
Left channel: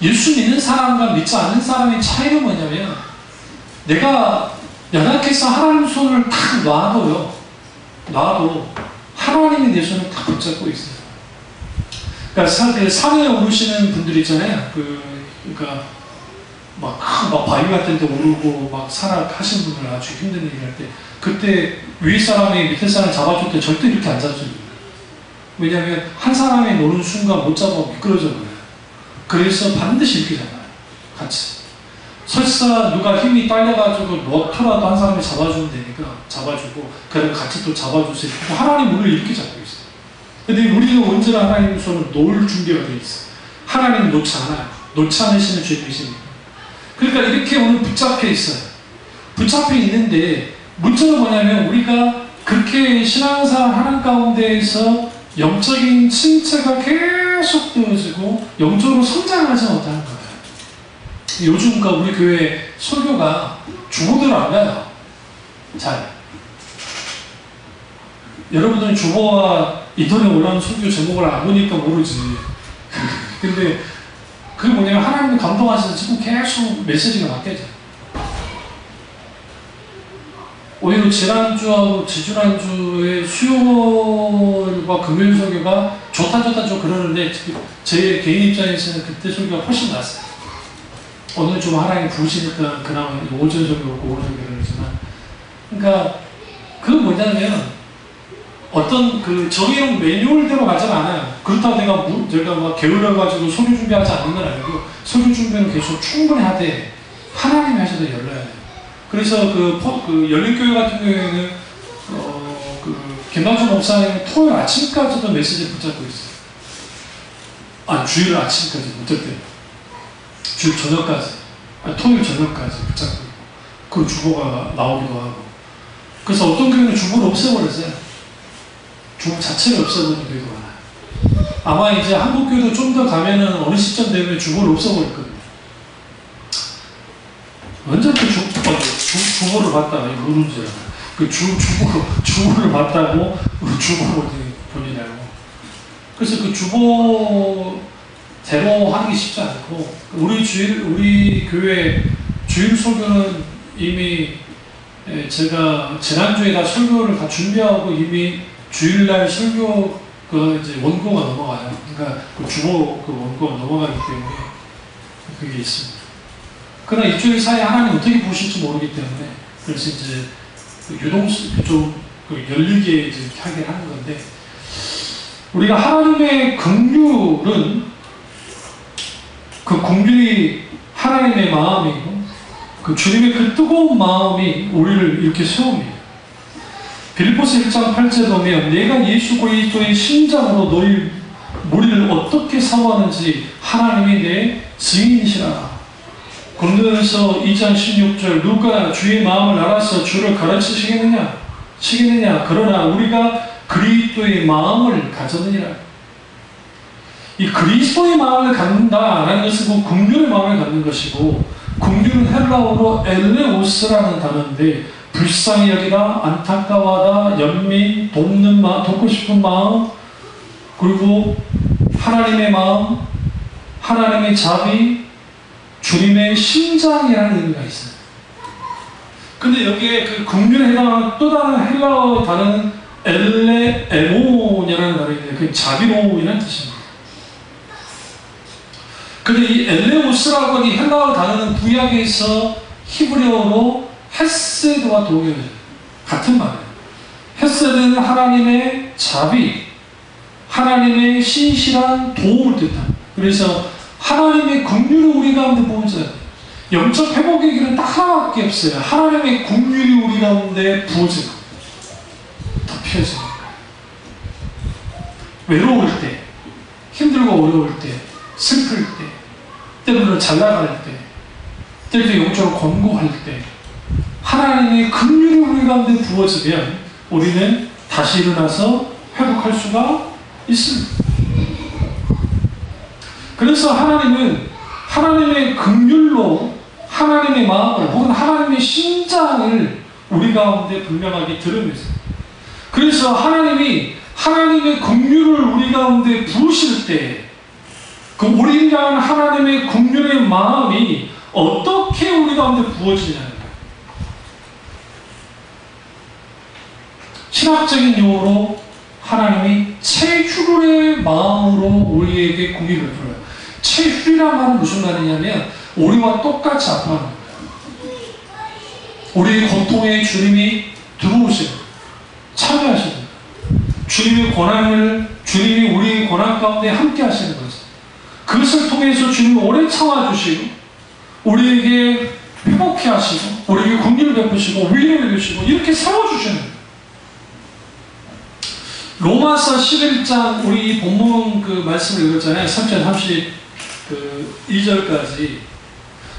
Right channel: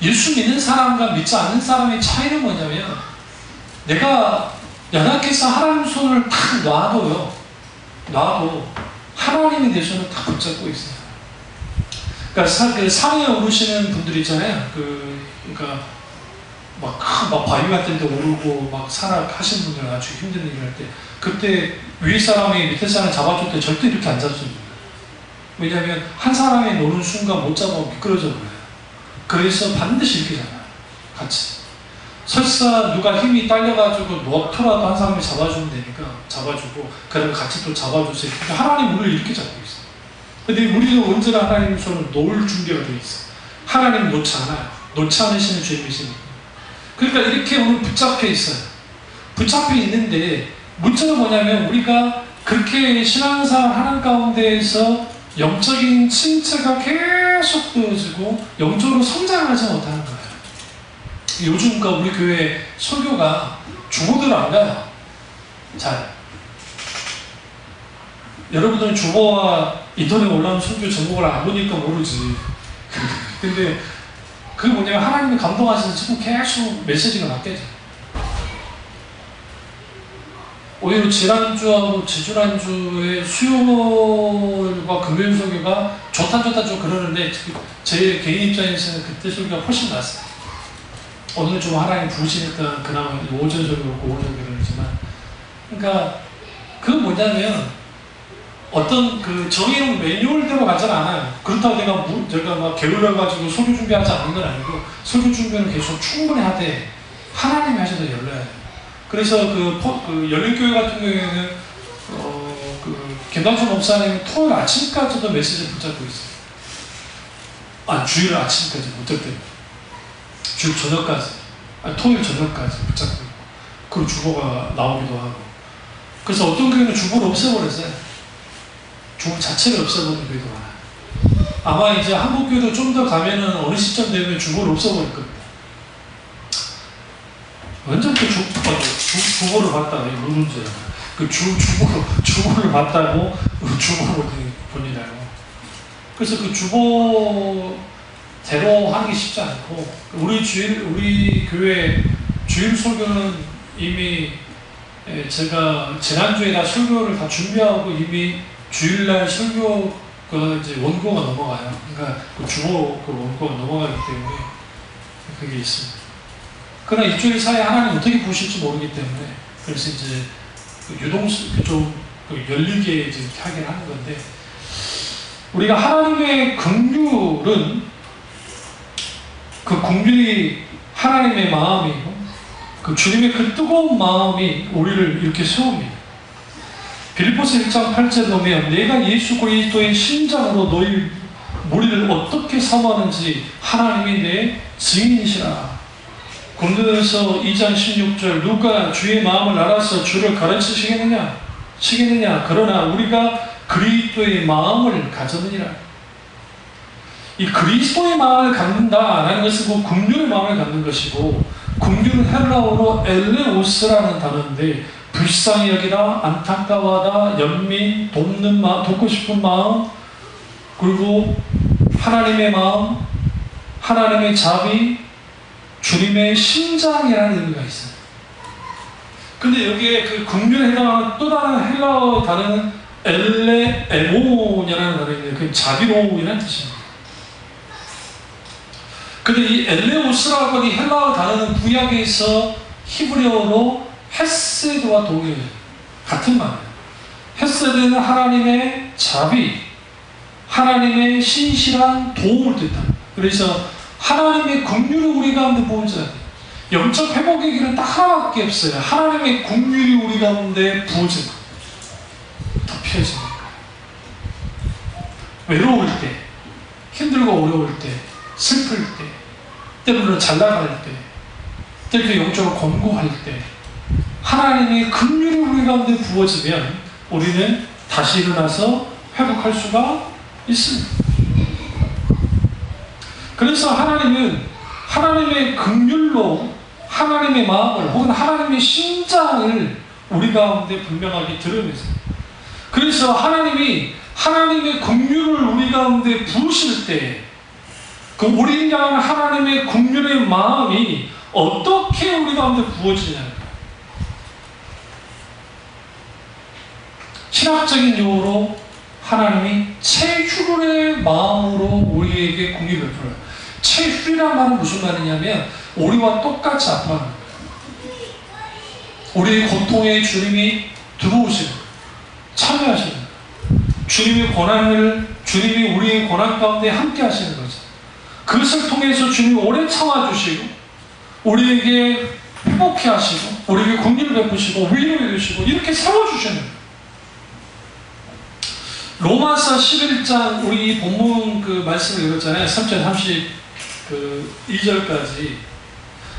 예수 믿는 사람과 믿지 않는 사람의 차이는 뭐냐면, 내가 연약해서 하나님 손을 탁 놔도 하나님이 내 손을 탁 붙잡고 있어요. 그러니까 그 산에 오르시는 분들 있잖아요. 그러니까 막 바위 같은 데 오르고 막 산악하신 분들 아주 힘든 얘기 할 때 그때 위에 사람이 밑에 사람 잡아줄 때 절대 이렇게 안 잡아줘요. 왜냐하면 한 사람이 노는 순간 못 잡아 미끄러져 버려요. 그래서 반드시 이렇게 잡아요. 같이. 설사 누가 힘이 딸려가지고 너트라도 한 사람이 잡아주면 되니까 잡아주고 그다음에 같이 또 잡아주세요. 하나님 우리를 이렇게 잡고 있어요. 근데 우리는 언제나 하나님 손을 놓을 준비가 되어 있어요. 하나님 놓지 않아요. 놓지 않으시는 주님이시니까. 그러니까 이렇게 오늘 붙잡혀 있어요. 붙잡혀 있는데 문제는 뭐냐면 우리가 그렇게 신앙생활 하는 가운데에서 영적인 침체가 계속 되어지고 영적으로 성장하지 못하는 거예요. 요즘 우리 교회 설교가 주보들 안 가요. 잘. 여러분들은 주보와 인터넷에 올라오는 설교 제목을 안 보니까 모르지. 근데 그게 뭐냐면 하나님이 감동하셔서 지금 계속 메시지가 바뀌어져요. 오히려 지난주하고 지지난주에 수요일과 금요일 설교가 좋다 좀 그러는데 제 개인 입장에서는 그때 설교가 훨씬 낫어요. 오늘 좀 하나님 부르시니까 그나마 오전 설교고 오늘 설교를 하지만 그러니까 그건 뭐냐면 어떤 그 정해놓은 매뉴얼대로 가지는 않아요. 그렇다고 제가 막 게을러가지고 설교 준비하지 않는 건 아니고 설교 준비는 계속 충분히 하되 하나님이 하셔서 열려야 돼요. 그래서 그 열린교회 같은 경우에는 김남준 목사님 토요일 아침까지도 메시지를 붙잡고 있어요. 주일 아침까지 못할 때. 주일 저녁까지. 토요일 저녁까지 붙잡고 있고. 그리고 주보가 나오기도 하고. 그래서 어떤 교회는 주보를 없애버렸어요. 주보 자체를 없애버리는 교회도 많아요. 아마 이제 한국교회도 좀 더 가면은 어느 시점 되면 주보를 없애버릴 겁니다. 언제부터 주보를 봤다가 이거 누군지 알아요. 주보를 봤다고 주보를 본이라고. 그래서 그 주보대로 하는 게 쉽지 않고 우리 교회 주일 설교는 이미 제가 지난주에 다 설교를 다 준비하고 이미 주일날 설교 이제 원고가 넘어가요. 그러니까 그 주보 원고가 넘어가기 때문에 그게 있습니다. 그러나 일주일 사이에 하나님 어떻게 보실지 모르기 때문에 그래서 이제 좀 열리게 이제 하게 하는 건데 우리가 하나님의 긍휼은 그 긍휼이 하나님의 마음이고 그 주님의 그 뜨거운 마음이 우리를 이렇게 세웁니다. 빌립보서 1장 8절에 보면 내가 예수 그리스도의 심장으로 너희 우리를 어떻게 사모하는지 하나님이 내 증인이시라. 고린도전서 2장 16절 누가 주의 마음을 알아서 주를 가르치시겠느냐? 그러나 우리가 그리스도의 마음을 가졌느니라. 이 그리스도의 마음을 갖는다라는 것은 그 긍휼의 마음을 갖는 것이고 긍휼은 헬라어로 엘레오스라는 단어인데 불쌍히 여기다, 안타까워하다, 연민, 돕는 마음, 돕고 싶은 마음, 그리고 하나님의 마음, 하나님의 자비, 주님의 심장이라는 의미가 있어요. 근데 여기에 그 긍휼에 해당하는 또 다른 헬라어 단어는 엘레에모니라는 단어인데 그 자비로움이라는 뜻입니다. 근데 이 엘레오스라고 하는 헬라어 단어는 구약에서 히브리어로 헤세드와 동일해요. 같은 말이에요. 헤세드는 하나님의 자비, 하나님의 신실한 도움을 뜻합니다. 그래서 하나님의 긍휼을 우리 가운데 부어져야 돼요. 영적 회복의 길은 딱 하나밖에 없어요. 하나님의 긍휼이 우리 가운데 부어지는 거예요. 덮여지는 거예요. 외로울 때, 힘들고 어려울 때, 슬플 때, 때로는 잘 나갈 때, 때로 영적으로 권고할 때 하나님의 긍휼이 우리 가운데 부어지면 우리는 다시 일어나서 회복할 수가 있습니다. 그래서 하나님은 하나님의 긍휼로 하나님의 마음을 혹은 하나님의 심장을 우리 가운데 분명하게 드러내세요. 그래서 하나님이 하나님의 긍휼을 우리 가운데 부으실 때 그 우리 향한 하나님의 긍휼의 마음이 어떻게 우리 가운데 부어지냐는 거예요. 신학적인 용어로 하나님이 체휼의 마음으로 우리에게 긍휼을 베풀어요. 체휼이란 말은 무슨 말이냐면 우리와 똑같이 아파하는 거예요. 우리의 고통에 주님이 들어오시는 거예요. 참여하시는 거예요. 주님이 우리의 고난 가운데 함께 하시는 거죠. 그것을 통해서 주님이 오래 참아주시고 우리에게 회복해 하시고 우리에게 긍휼을 베푸시고 위로해 주시고 이렇게 세워주시는 거예요. 로마서 11장 우리 본문 그 말씀을 읽었잖아요. 3절 32절까지.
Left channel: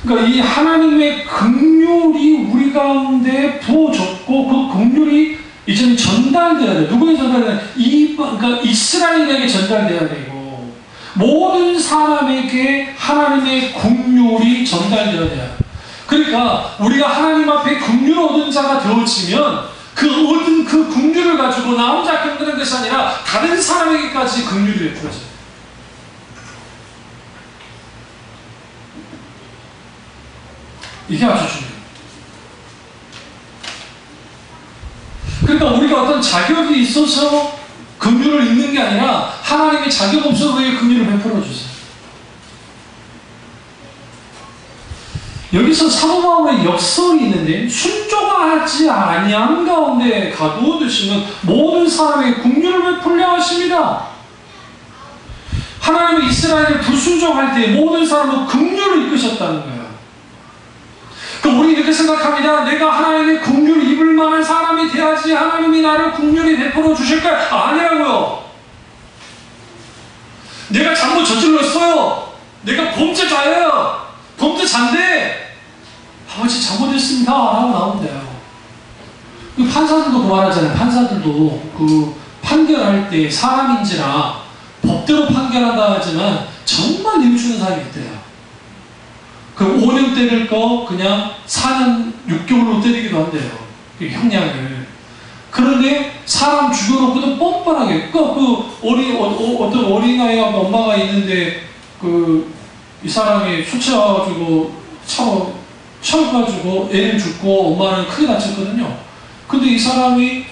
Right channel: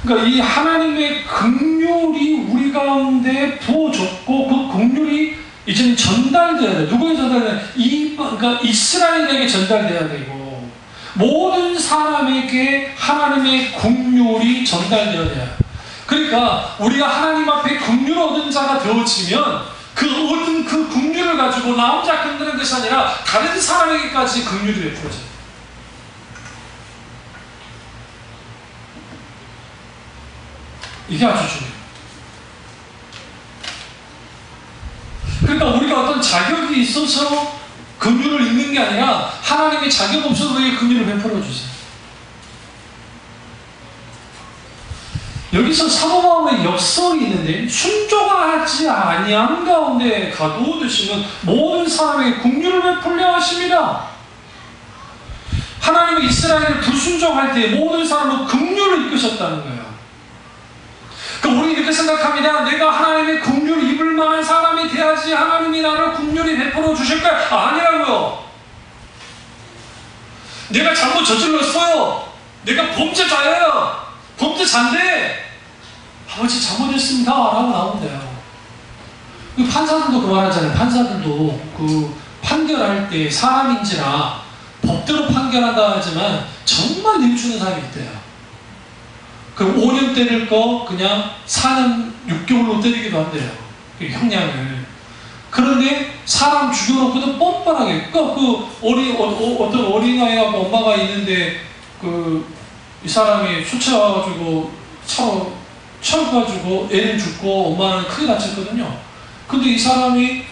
그러니까 이 하나님의 긍휼이 우리 가운데 부어졌고 그 긍휼이 이제는 전달돼야 돼. 누구에게 전달돼야 돼? 그러니까 이스라엘에게 전달돼야 되고 모든 사람에게 하나님의 긍휼이 전달돼야 돼요. 그러니까 우리가 하나님 앞에 긍휼을 얻은 자가 되어지면 그 얻은 그 긍휼을 가지고 나 혼자 끝내는 것이 아니라 다른 사람에게까지 긍휼이 베풀어져요. 이게 아주 중요해요. 그러니까 우리가 어떤 자격이 있어서 긍휼을 입는 게 아니라 하나님의 자격 없어도 우리에게 긍휼을 베풀어 주세요. 여기서 사도 바울의 역설이 있는데 순종하지 아니한 가운데 가두어두시면 모든 사람에게 긍휼을 베풀려 하십니다. 하나님이 이스라엘을 불순종할 때 모든 사람으로 긍휼을 이끄셨다는 거예요. 그럼 우리 이렇게 생각합니다. 내가 하나님의 긍휼을 입을 만한 사람이 돼야지 하나님이 나를 긍휼히 베풀어 주실까요? 아니라고요. 내가 잘못 저질렀어요. 내가 범죄자예요. 범죄자인데 아버지 잘못했습니다 라고 나오면 돼요. 판사들도 그 말하잖아요. 판사들도 그 판결할 때 사람인지라 법대로 판결한다 하지만 정말 뉘우치는 사람이 있대요. 그 5년 때릴 거 그냥 4년 6개월로 때리기도 한대요. 형량을. 그런데 사람 죽여놓고도 뻔뻔하게 어떤 어린아이가 엄마가 있는데 이 사람이 술 취해가지고 쳐가지고 애를 죽고 엄마는 크게 다쳤거든요. 근데 이 사람이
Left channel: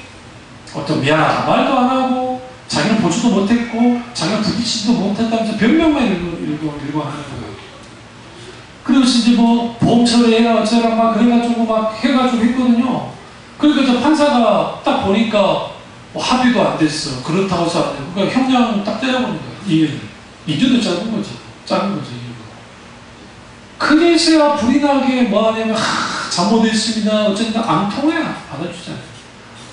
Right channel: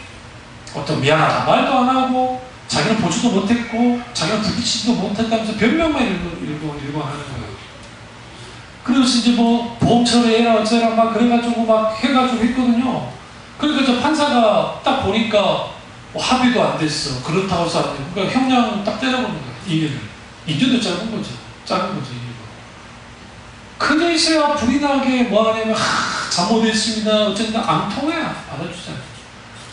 어떤 미안하다 말도 안 하고 자기는 보지도 못했고 자기는 부딪히지도 못했다면서 변명만 일고 하는 거예요. 그래서 이제 뭐 보험처리 해라 어쩌라 막 그래가지고 막 해가지고 했거든요. 그러니까 저 판사가 딱 보니까 합의도 안 됐어. 그렇다고 해서 안 되고 그러니까 형량 딱 때려버린 거예요. 2년도 짧은 거죠. 작은 거죠. 그래서야 불이 나게 뭐 하냐면 잘못했습니다. 어쨌든 안 통해야 받아주잖아요.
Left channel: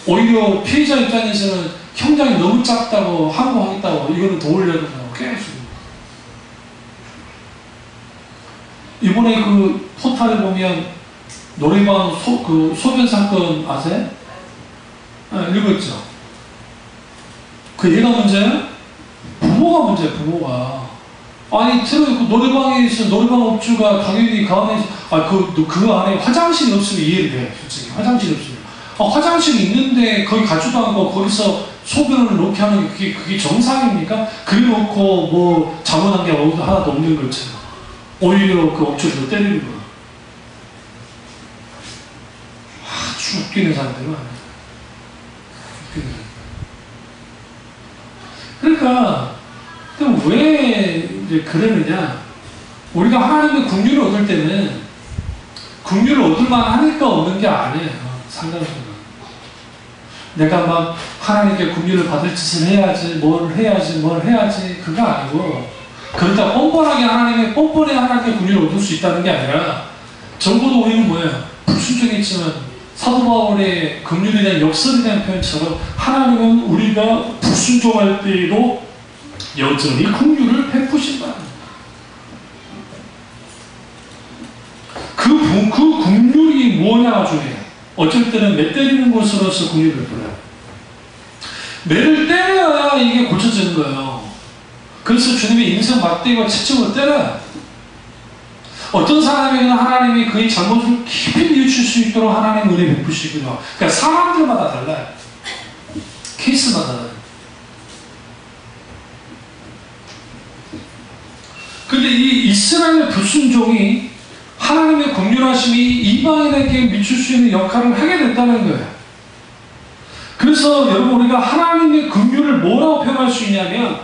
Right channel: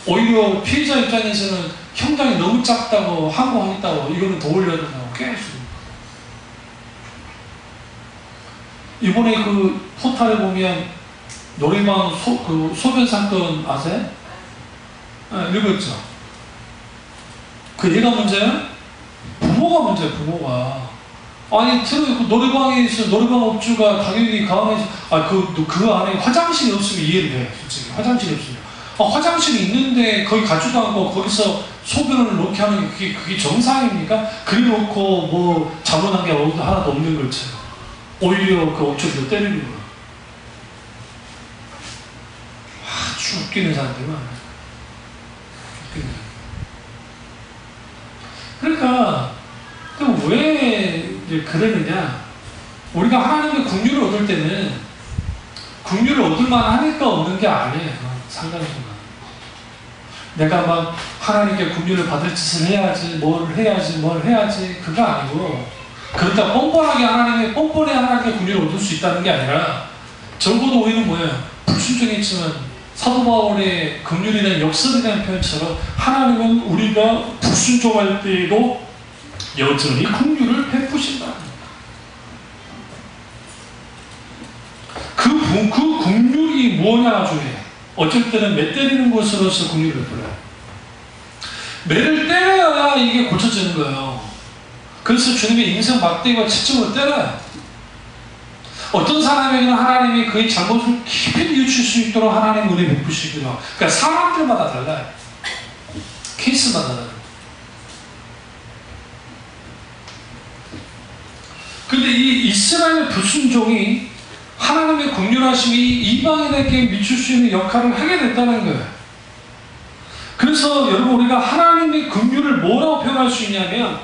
오히려 피해자 입장에서는 형량이 너무 작다고 항고하겠다고 이거는 더 올려야 된다고 계속. 이번에 그 포탈에 보면 노래방 소변 사건 아세요? 읽었죠? 그 얘가 문제야? 부모가 문제야, 부모가. 아니, 노래방에서 노래방 업주가 가격이 강해서, 그 안에 화장실이 없으면 이해를 돼, 솔직히. 화장실이 없으면. 화장실이 있는데 거기 가지도 않고 거기서 소변을 놓게 하는 게 그게 정상입니까? 그래 놓고 뭐 잘못한 게 하나도 없는 것처럼. 오히려 그 업주를 때리는 거야. 아주 웃기는 사람들 많아요. 웃기는 사람들. 그러니까, 왜 이제 그러느냐? 우리가 하나님의 긍휼을 얻을 때는 긍휼을 얻을 만하니까 얻는 게 아니에요. 상당수가. 내가 막 하나님께 긍휼을 받을 짓을 해야지, 뭘 해야지, 그거 아니고, 그러다 뻔뻔하게 하나님께 긍휼을 얻을 수 있다는 게 아니라, 적어도 우리는 뭐예요? 불순종했지만 사도 바울의 긍휼에 대한 역설에 대한 표현처럼 하나님은 우리가 불순종할 때에도 여전히 긍휼을 베푸신다. 그 긍휼이 뭐냐가 중요해요. 어쩔 때는 매 때리는 것으로서 긍휼을 베풀어요. 매를 때려야 이게 고쳐지는 거예요. 그래서 주님의 인생 막대기와 채찍으로 때려요. 어떤 사람에게는 하나님이 그의 잘못을 깊이 뉘우칠 수 있도록 하나님 은혜 베푸시고요. 그러니까 사람들마다 달라요. 케이스마다 달라요. 근데 이 이스라엘 불순종이 하나님의 긍휼하심이 이방인에게 미칠 수 있는 역할을 하게 된다는 거예요. 그래서 여러분 우리가 하나님의 긍휼을 뭐라고 표현할 수 있냐면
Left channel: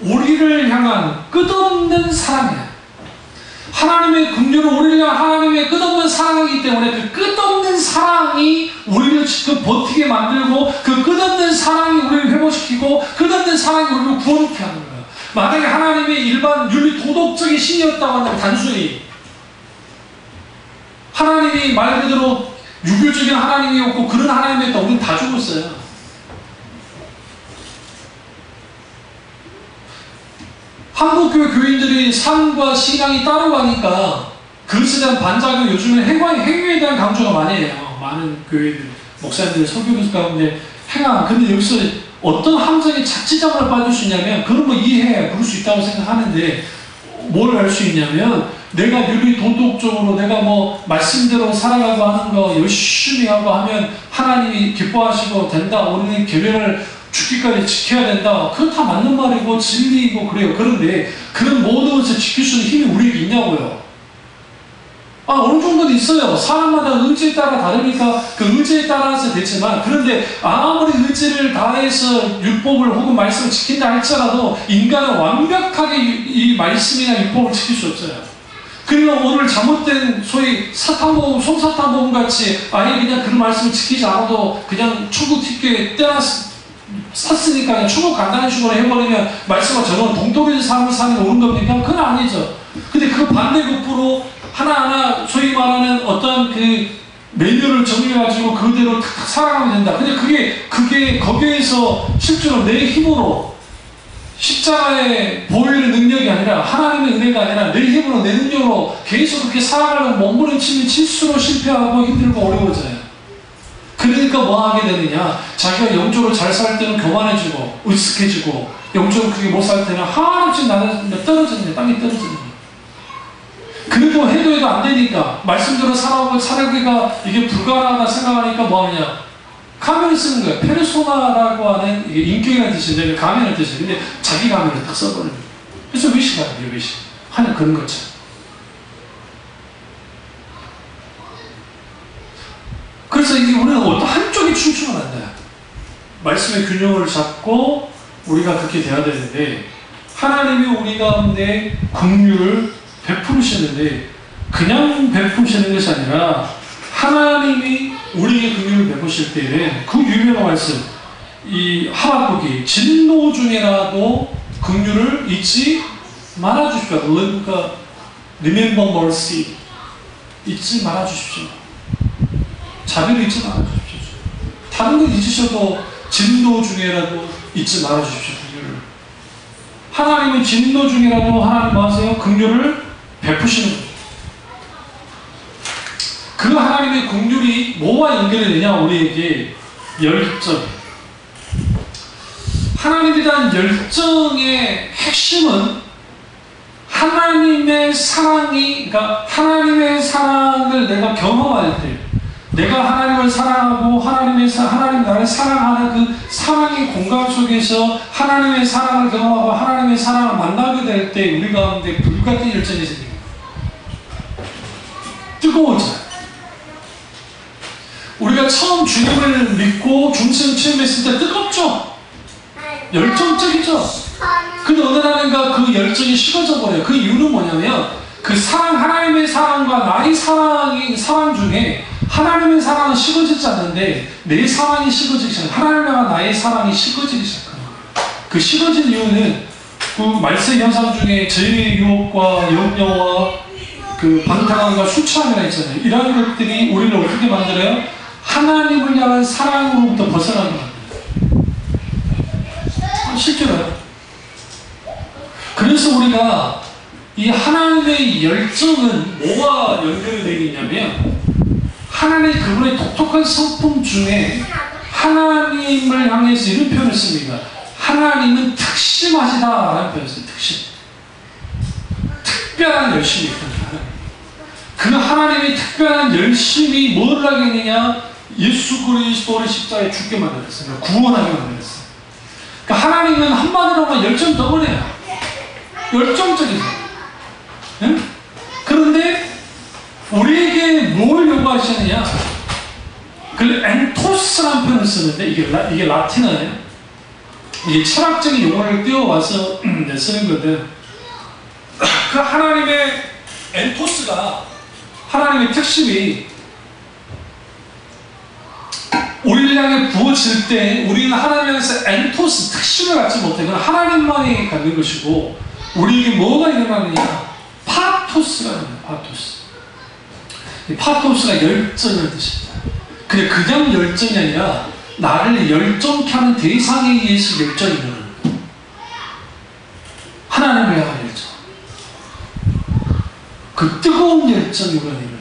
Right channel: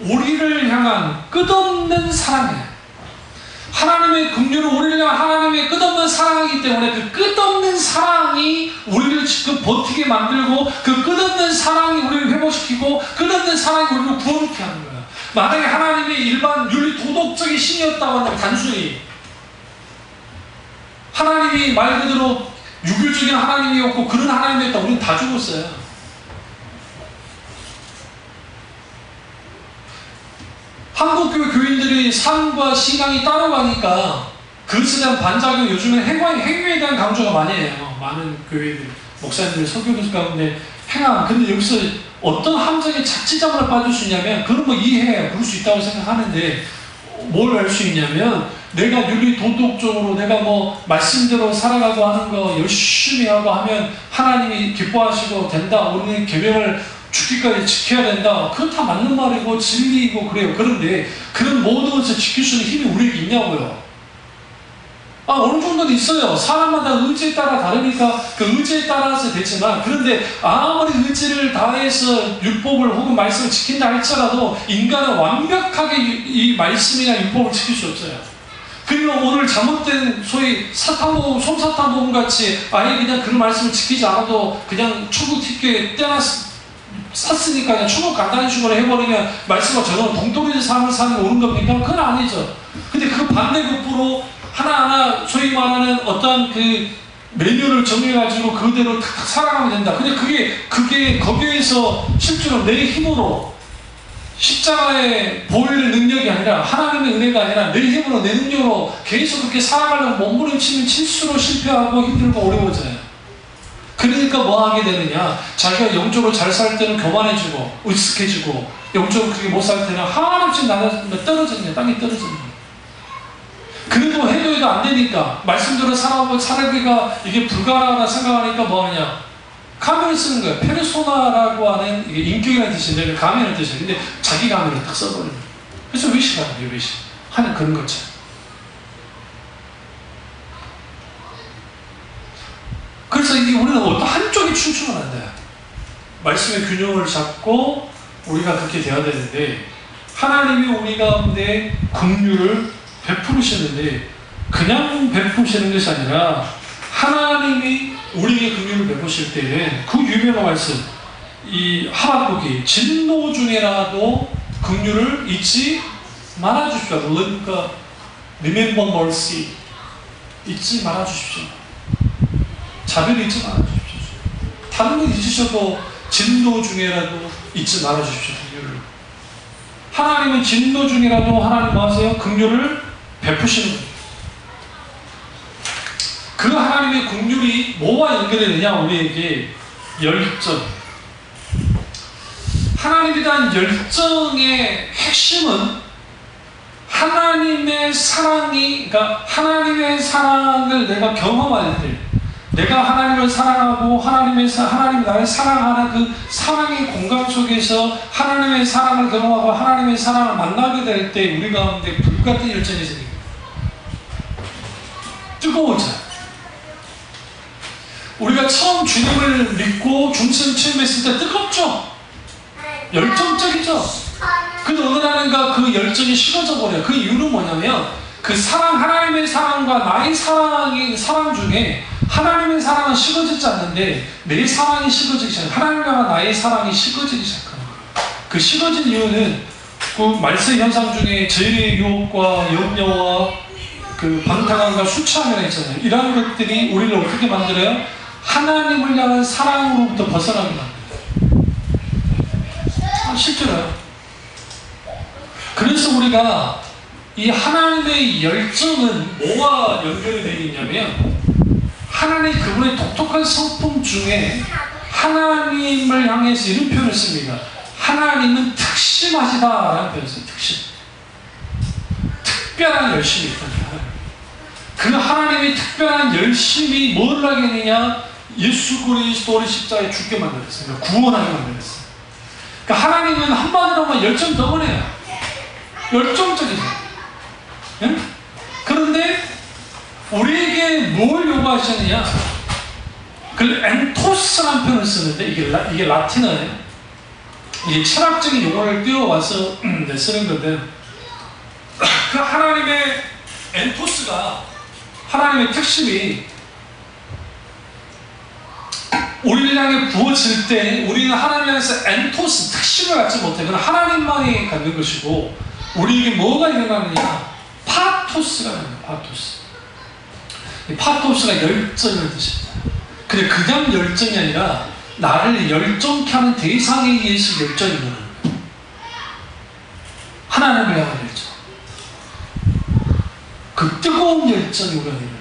우리를 향한 끝없는 사랑이에요. 하나님의 긍휼은 우리를 향한 하나님의 끝없는 사랑이기 때문에 그 끝없는 사랑이 우리를 지금 버티게 만들고 그 끝없는 사랑이 우리를 회복시키고 끝없는 사랑이 우리를 구원케 하는 거예요. 만약에 하나님의 일반 윤리 도덕적인 신이었다고 한다면 단순히 하나님이 말 그대로 유교적인 하나님이었고 그런 하나님이었다. 우리는 다 죽었어요. 한국교회 교인들이 삶과 신앙이 따라가니까 그것에 대한 반작용, 요즘에 행위에 대한 강조가 많이 해요. 많은 교회들, 목사님들, 설교들 가운데 행함. 근데 여기서 어떤 함정에 착지점을 빠질 수 있냐면, 그런 거 이해해. 그럴 수 있다고 생각하는데, 뭘 알 수 있냐면, 내가 윤리 도덕적으로 내가 뭐 말씀대로 살아가고 하는 거 열심히 하고 하면 하나님이 기뻐하시고 된다. 우리는 계명을 죽기까지 지켜야 된다. 그건 다 맞는 말이고 진리이고 그래요. 그런데 그런 모든 것을 지킬 수 있는 힘이 우리에게 있냐고요. 어느 정도는 있어요. 사람마다 의지에 따라 다르니까 그 의지에 따라서 되지만, 그런데 아무리 의지를 다해서 율법을 혹은 말씀을 지킨다 할지라도 인간은 완벽하게 이 말씀이나 율법을 지킬 수 없어요. 그리고 오늘 잘못된 소위 사탕모음, 솜사탕모음 같이 아예 그냥 그런 말씀을 지키지 않아도 그냥 천국 티켓 샀으니까 그냥 천국 간다는 식으로 해버리면 말씀과 저는 동떨어진 삶을 사는 게 옳은 겁니까? 그건 아니죠. 근데 그 반대급부로 하나하나 소위 말하는 어떤 그 메뉴를 정해가지고 그대로 탁탁 살아가면 된다. 근데 그게 거기에서 실제로 내 힘으로 십자가의 보혈의 능력이 아니라 하나님의 은혜가 아니라 내 힘으로 내 능력으로 계속 그렇게 살아가려고 몸부림치면 칠수록 실패하고 힘들고 어려워져요. 그러니까 뭐 하게 되느냐, 자기가 영적으로 잘 살 때는 교만해지고 으쓱해지고, 영적으로 그게 못 살 때는 한없이 떨어지는, 땅이 떨어지는 거예요. 그래도 해도 안 되니까 말씀대로 살아가기가 이게 불가능하다 생각하니까 뭐 하느냐, 가면을 쓰는 거예요. 페르소나라고 하는, 이게 인격이라는 뜻인데 가면을 뜻이에요. 근데 자기 가면을 딱 써버리는 거예요. 그래서 외식하는 외식 하는 그런 것처럼. 그래서 이게 우리는 어떤 한쪽이 춤추면 안 돼요. 말씀의 균형을 잡고 우리가 그렇게 돼야 되는데, 하나님이 우리 가운데 긍휼을 베푸시는데 그냥 베푸시는 것이 아니라, 하나님이 우리에게 긍휼을 베푸실 때에는 그 유명한 말씀, 이 하박국이 진노 중에라도 긍휼을 잊지 말아 주십시오. 그러니까 remember mercy, 잊지 말아 주십시오. 자비를 잊지 말아 주십시오. 다른 건 잊으셔도 진노 중에라도 잊지 말아 주십시오. 긍휼을. 하나님은 진노 중이라도 하나님 뭐 하세요? 긍휼을 베푸시는 거예요. 그 하나님의 긍휼이 뭐와 연결이 되냐? 우리에게 열정. 하나님에 대한 열정의 핵심은 하나님의 사랑이, 그러니까 하나님의 사랑을 내가 경험할 때, 내가 하나님을 사랑하고 하나님 나를 사랑하는 그 사랑의 공간 속에서 하나님의 사랑을 경험하고 하나님의 사랑을 만나게 될 때 우리 가운데 불같은 열정이 생깁니다. 뜨거워져요. 우리가 처음 주님을 믿고 중생 체험했을 때 뜨겁죠? 열정적이죠? 근데 어느 날인가 그 열정이 식어져 버려요. 그 이유는 뭐냐면, 그 사랑, 하나님의 사랑과 나의 사랑 중에 하나님의 사랑은 식어지지 않는데 내 사랑이 식어지기 시작해요. 하나님과 나의 사랑이 식어지기 시작합니다. 그 식어진 이유는 그 말세 현상 중에 죄의 유혹과 염려와 그 방탕함과 수치함이라 있잖아요. 이런 것들이 우리를 어떻게 만들어요? 하나님을 향한 사랑으로부터 벗어나게 만들어요. 실제로요. 그래서 우리가 이 하나님의 열정은 뭐와 연결이 되어 있냐면, 하나님의 그분의 독특한 성품 중에 하나님을 향해서 이런 표현을 씁니다. 하나님은 특심하시다라는 표현을 써요. 특심. 특별한 열심이 있다. 그 하나님의 특별한 열심이 뭘 하겠느냐? 예수 그리스도를 십자가에 죽게 만들었어요. 구원하게 만들었어요. 그러니까 하나님은 한마디로만 열정 덩어리예요. 열정적이죠. 네? 그런데 우리에게 뭘 요구하시느냐? 그 엔토스라는 표현을 쓰는데 이게 라틴어예요. 이게 철학적인 용어를 띄워와서 쓰는 건데, 그 하나님의 엔토스가, 하나님의 특심이 우리를 향해 부어질 때 우리는 하나님에서 엔토스, 특심을 갖지 못해. 그건 하나님만이 갖는 것이고, 우리에게 뭐가 일어나느냐? 파토스가 일어나요. 파토스. 파토스가 열정을 뜻입니다. 근데 그냥 열정이 아니라 나를 열정케 하는 대상에 의해서 열정이 일어나는 거예요. 하나님을 향한 열정. 그 뜨거운 열정이 우리가 일어나는 거예요.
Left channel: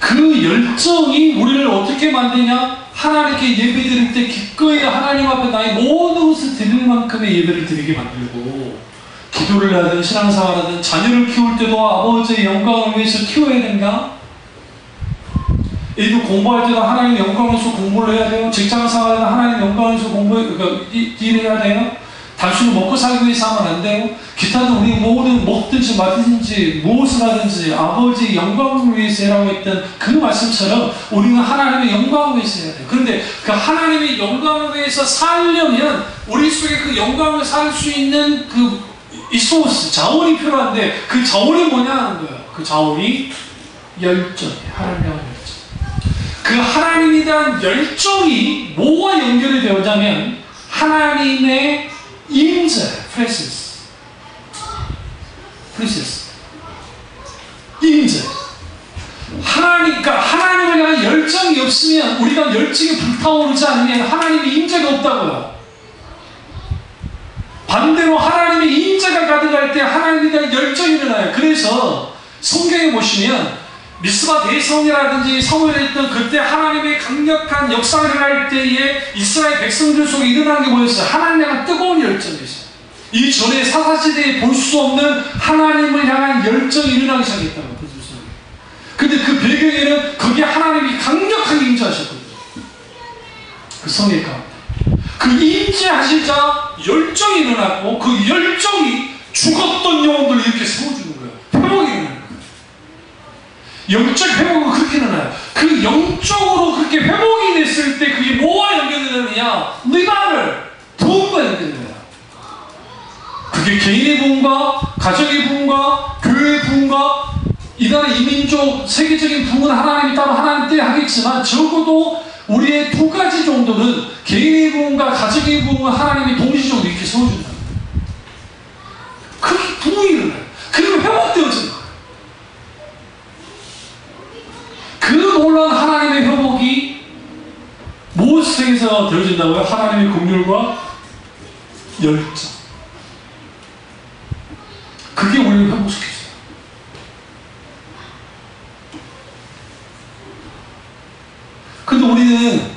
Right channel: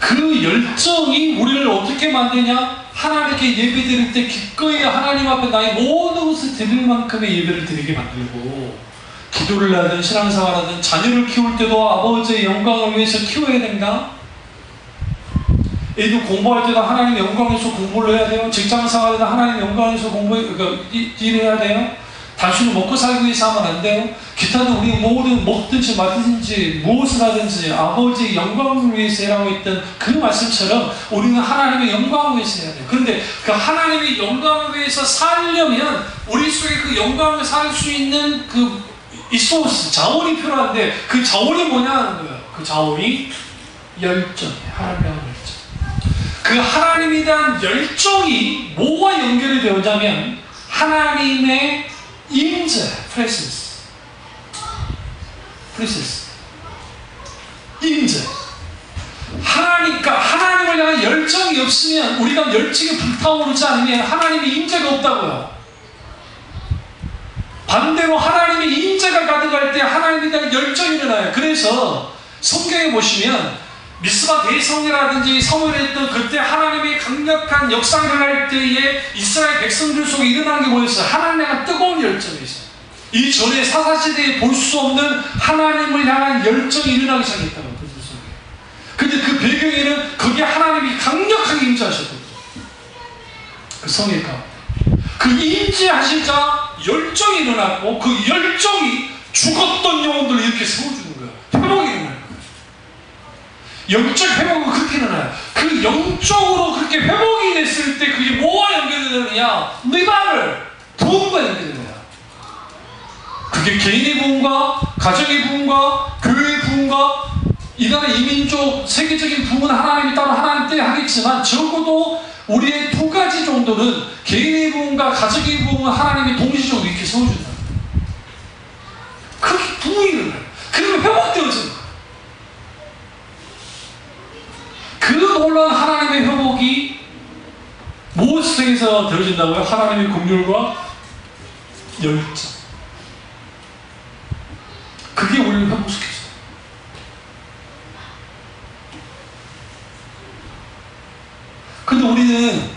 그 열정이 우리를 어떻게 만드냐? 하나님께 예배드릴 때 기꺼이 하나님 앞에 나의 모든 것을 드릴 만큼의 예배를 드리게 만들고, 기도를 하든 신앙생활을 하든 자녀를 키울 때도 아버지의 영광을 위해서 키워야 된다. 애들 공부할 때도 하나님의 영광을 위해서 공부를 해야 돼요. 직장생활에도 하나님의 영광을 위해서 일을 해야 돼요. 단순히 먹고 살기 위해서 하면 안 돼요. 기타도 우리 모든 먹든지 마든지 무엇을 하든지 아버지의 영광을 위해서 해라고 했던 그 말씀처럼 우리는 하나님의 영광을 위해서 해야 돼요. 그런데 그 하나님의 영광을 위해서 살려면 우리 속에 그 영광을 살 수 있는 그 리소스, 자원이 필요한데 그 자원이 뭐냐는 거예요. 그 자원이 열정이에요. 하나님에 대한 열정. 그 하나님에 대한 열정이 뭐와 연결이 되었냐면 하나님의 임재, presence. 임재. 그러니까 하나님을 향한 열정이 없으면, 우리가 열정이 불타오르지 않으면 하나님의 임재가 없다고요. 반대로 하나님의 임재가 가득할 때 하나님에 대한 열정이 일어나요. 그래서 성경에 보시면 미스바 대성이라든지 사무엘이 했던 그때 하나님의 강력한 역사가 일어날 때에 이스라엘 백성들 속에 일어나는 게 뭐였어요? 하나님에 대한 뜨거운 열정이 있어요. 이전에 사사시대에 볼 수 없는 하나님을 향한 열정이 일어나기 시작했다고. 근데 그 배경에는 거기에 하나님이 강력하게 임재하셨거든요. 그 성의 가운데. 그 임재하시자 열정이 일어났고 그 열정이 죽었던 영혼들을 이렇게 세워주는 거예요. 회복이 일어나는 거예요. 영적 회복은 그렇게 일어나요. 그 영적으로 그렇게 회복이 됐을 때 그게 뭐와 연결되느냐? 네가를 부흥과 연결되는 거예요. 그게 개인의 부흥과 가정의 부흥과 교회의 부흥과 이 나라 이민족 세계적인 부흥은 하나님이 따로 하나님 때 하겠지만 적어도 우리의 두 가지 정도는 개인의 부흥과 가정의 부흥은 하나님이 동시적으로 이렇게 세워준다. 그게 부흥이 일어나요. 그리고 회복되어지는 거예요. 그 놀라운 하나님의 회복이 무엇을 통해서 되어진다고요? 하나님의 긍휼과 열정. 그게 우리를 회복시켜요. 근데 우리는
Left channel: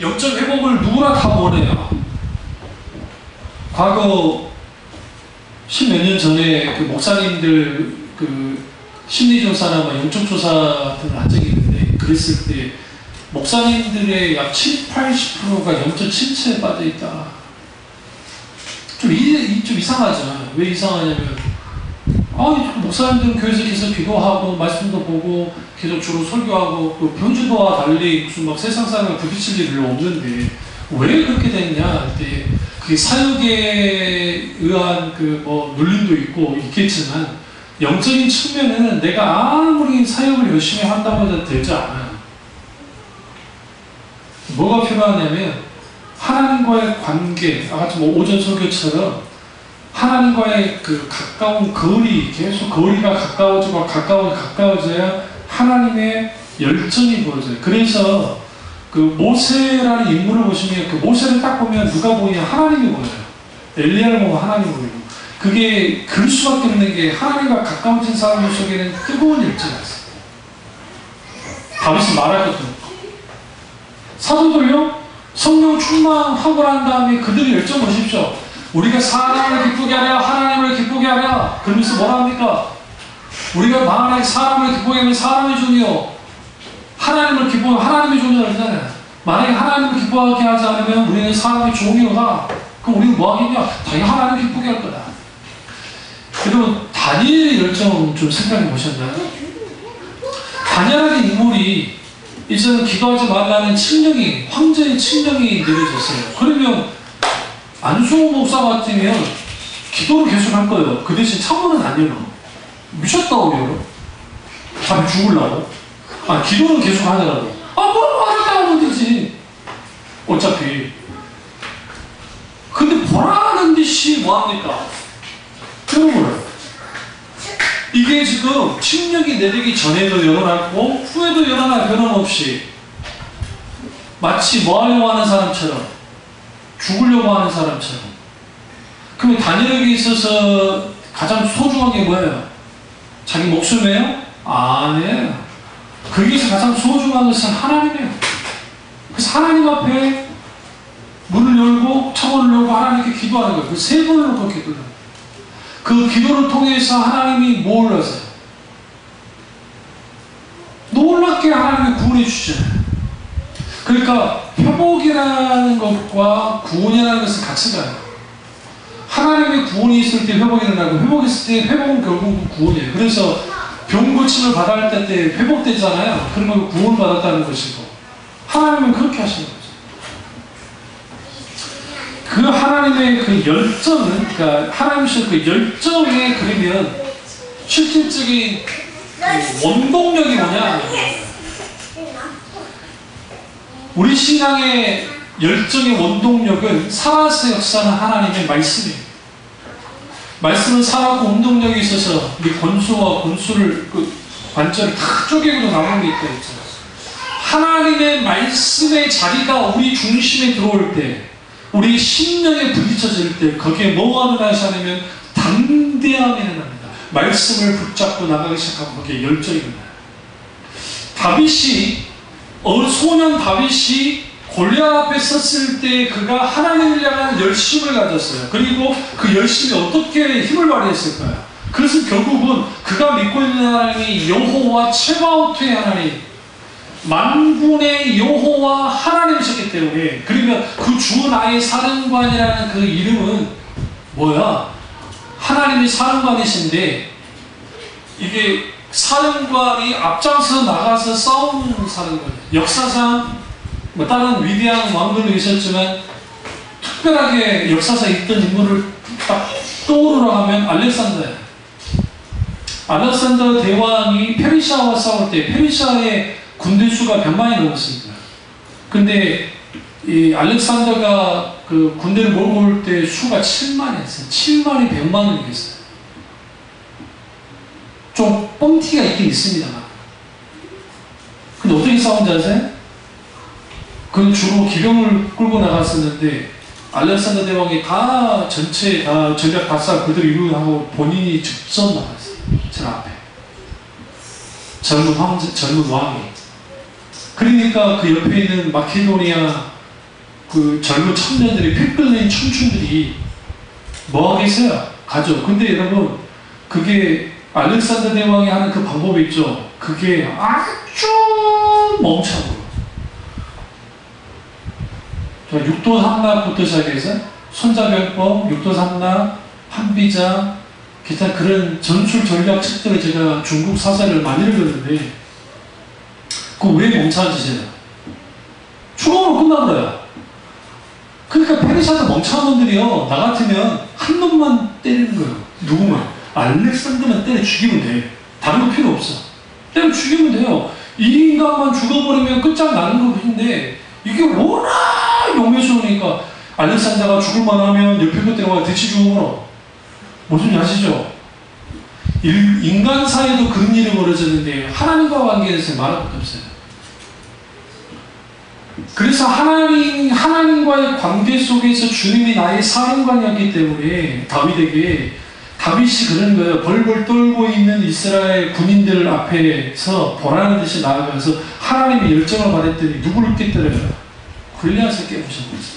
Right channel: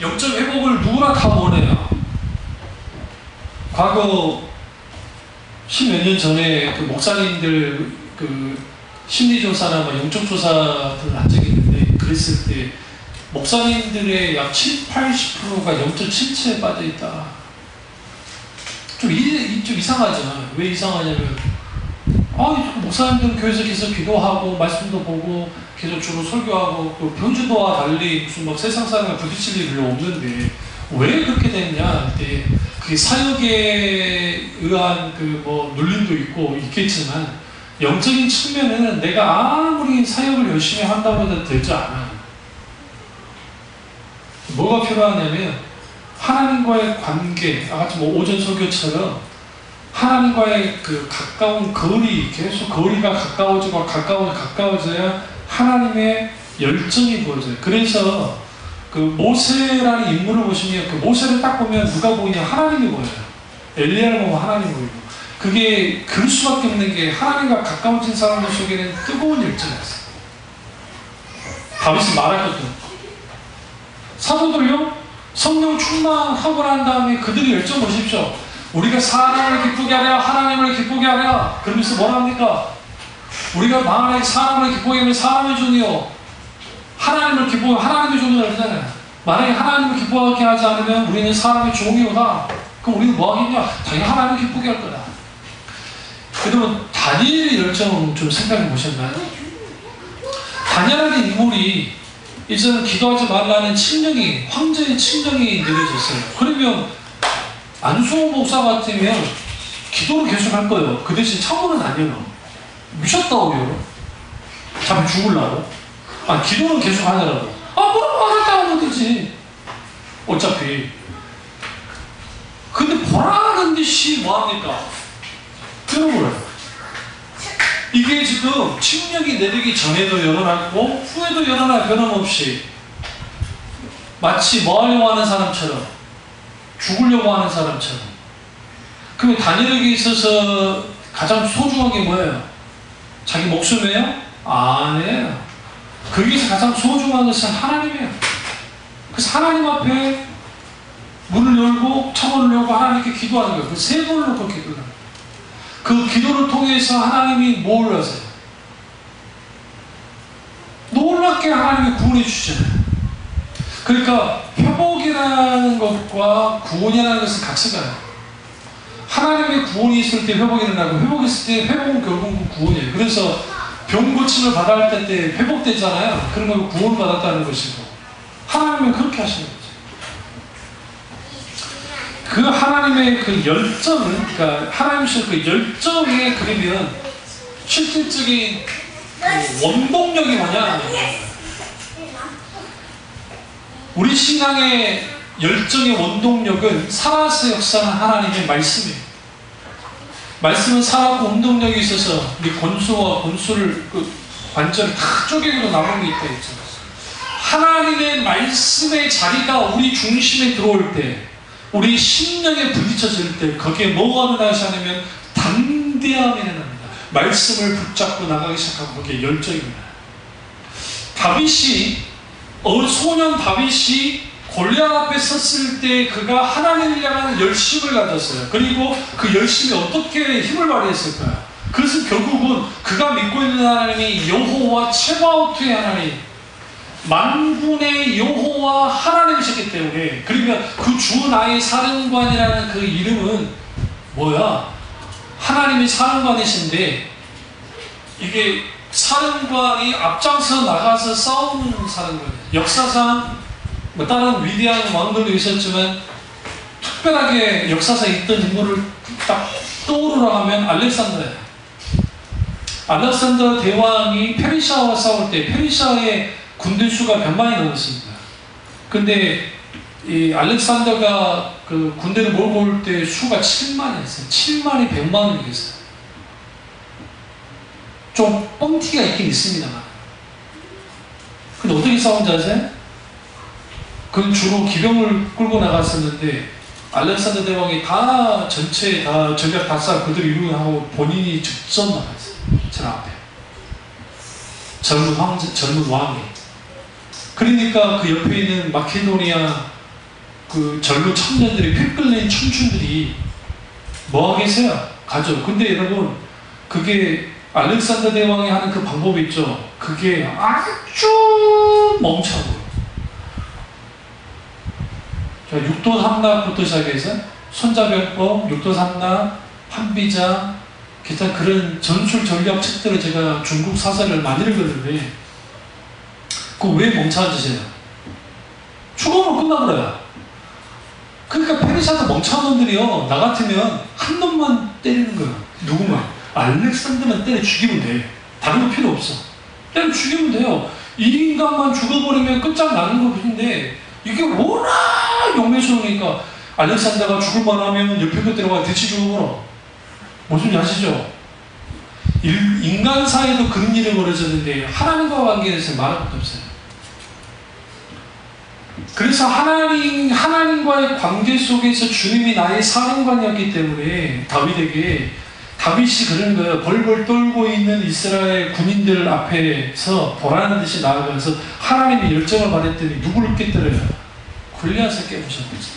영적 회복을 누구나 다 원해요. 과거 10몇 년 전에 그 목사님들 그 심리조사나 영적조사들을 한 적이 있는데, 그랬을 때 목사님들의 약 70, 80%가 영적 침체에 빠져있다. 좀 이상하잖아요. 왜 이상하냐면 목사님들은 교회에서 계속 기도하고 말씀도 보고 계속 주로 설교하고 또 편주도와 달리 무슨 막 세상 사람과 부딪힐 일이 별로 없는데 왜 그렇게 됐냐? 그때 그게 사역에 의한 그 눌림도 있겠지만 영적인 측면에는 내가 아무리 사역을 열심히 한다고 해도 되지 않아요. 뭐가 필요하냐면 하나님과의 관계, 아까 오전 설교처럼 하나님과의 그 가까운 거리, 계속 거리가 가까워져야 하나님의 열정이 보여져요. 그래서 그 모세라는 인물을 보시면 그 모세를 딱 보면 누가 보이냐? 하나님이 보여요. 엘리야를 보면 하나님이 보이고. 그게 그럴 수밖에 없는 게 하나님과 가까워진 사람들 속에는 뜨거운 열정이 있어요. 다윗이 말할 것도 없고. 사도들요? 성령 충만하고 난 다음에 그들의 열정 보십시오. 우리가 사람을 기쁘게 하랴 하나님을 기쁘게 하랴 그러면서 뭐라 합니까? 우리가 만약에 사람을 기쁘게 하면 사람의 종이요 하나님을 기쁘게 하나님의 종이라 그러잖아요. 만약에 하나님을 기쁘게 하지 않으면 우리는 사람의 종이로다. 그럼 우리는 뭐 하겠냐? 당연히 하나님을 기쁘게 할 거다. 여러분 다니엘의 열정 좀 생각해 보셨나요? 다니엘이라는 인물이 이제는 기도하지 말라는 칙령이, 황제의 칙령이 내려졌어요. 그러면 안수호 목사 같으면 기도를 계속 할 거예요. 그 대신 창문은 안 열어. 미쳤다고 열어? 잠이 죽으려고? 기도는 계속 하더라도. 뭐라고 하겠다고 하면 되지. 어차피. 근데 보라는 듯이 뭐합니까? 여러분, 이게 지금 침략이 내리기 전에도 일어났고 후에도 일어나 변함없이 마치 뭐 하려고 하는 사람처럼 죽으려고 하는 사람처럼. 그러면 다니엘에게 있어서 가장 소중한 게 뭐예요? 자기 목숨이에요? 아니에요. 거기서 가장 소중한 것은 하나님이에요. 그래서 하나님 앞에 문을 열고 창문을 열고 하나님께 기도하는 거예요. 그 세 번을 놓고 기도하는 거예요. 그 기도를 통해서 하나님이 뭘 하세요? 놀랍게 하나님이 구원해 주시잖아요. 그러니까 회복이라는 것과 구원이라는 것은 같이 가요. 하나님의 구원이 있을 때 회복이 일어나고 회복이 있을 때 회복은 결국은 구원이에요. 그래서 병 고침을 받아야 할 때 회복되잖아요. 그러면 구원 받았다는 것이고 하나님은 그렇게 하시는 거죠. 그 하나님의 그 열정은, 그러니까 하나님의 그 열정에 그러면 실질적인 그 원동력이 뭐냐? 우리 신앙의 열정의 원동력은 살아서 역사하는 하나님의 말씀이에요. 말씀은 살아고 운동력이 있어서 우리 권수와 권수를 그 관절을 다 쪼개고 나오는 게 있다 했잖아요. 하나님의 말씀의 자리가 우리 중심에 들어올 때, 우리 심령에 부딪혀질 때 거기에 뭐가 나타나냐면 담대함이 일어납니다. 말씀을 붙잡고 나가기 시작하고 거기에 열정이 일어나요. 다윗이 소년 다윗이 골리앗 앞에 섰을 때 그가 하나님을 향한 열심을 가졌어요. 그리고 그 열심이 어떻게 힘을 발휘했을까요? 그것은 결국은 그가 믿고 있는 하나님이 여호와 체바오트의 하나님, 만군의 여호와 하나님이셨기 때문에, 그러면 그 주 나의 사령관이라는 그 이름은 뭐야? 하나님이 사령관이신데, 이게 사령관이 앞장서 나가서 싸우는 사령관이에요. 역사상 뭐 다른 위대한 왕들도 있었지만 특별하게 역사상에 있던 인물을 딱 떠오르라 하면 알렉산더예요. 알렉산더 대왕이 페르시아와 싸울 때 페르시아의 군대 수가 100만이 넘었습니다. 근데 이 알렉산더가 그 군대를 몰고 올 때 수가 7만이었어요. 7만이 100만을 이겼어요. 좀 뻥튀가 있긴 있습니다만. 근데 어떻게 싸운지 아세요? 그건 주로 기병을 끌고 나갔었는데 알렉산더 대왕이 다 전체 다 전략 다 싸고 그대로 이루고 본인이 직접 나갔어요. 저 앞에. 젊은 황제, 젊은 왕이. 그러니까 그 옆에 있는 마케도니아 그 젊은 청년들이 핏끌린 춤춘들이 뭐 하겠어요? 가죠. 근데 여러분, 그게 알렉산더 대왕이 하는 그 방법이 있죠. 그게 아주 멍청해요. 육도 삼락부터 시작해서 손자병법, 육도 삼락, 한비자, 기타 그런 전술 전략 책들을 제가 중국 사설을 많이 읽었는데, 그거 왜 멍청한 짓이에요? 죽음으로 끝나버려요. 그러니까 페르시아도 멍청한 놈들이요, 나 같으면 한 놈만 때리는 거예요. 누구만? 알렉산더만 때려 죽이면 돼. 다른 거 필요 없어. 때려 죽이면 돼요. 이 인간만 죽어버리면 끝장나는 것인데, 이게 워낙 용맹스러우니까 알렉산더가 죽을만 하면 옆에 것들과 대치 죽어버려. 무슨 일 아시죠? 인간 사이에도 그런 일이 벌어졌는데 하나님과 관계에서 말할 것도 없어요. 그래서 하나님과의 관계 속에서 주님이 나의 사령관이었기 때문에 다윗이 그런 거예요. 벌벌 떨고 있는 이스라엘 군인들 앞에서 보라는 듯이 나아가서 하나님의 열정을 발했더니 누구를 깨뜨려요? 골리앗을 깨부셨어요.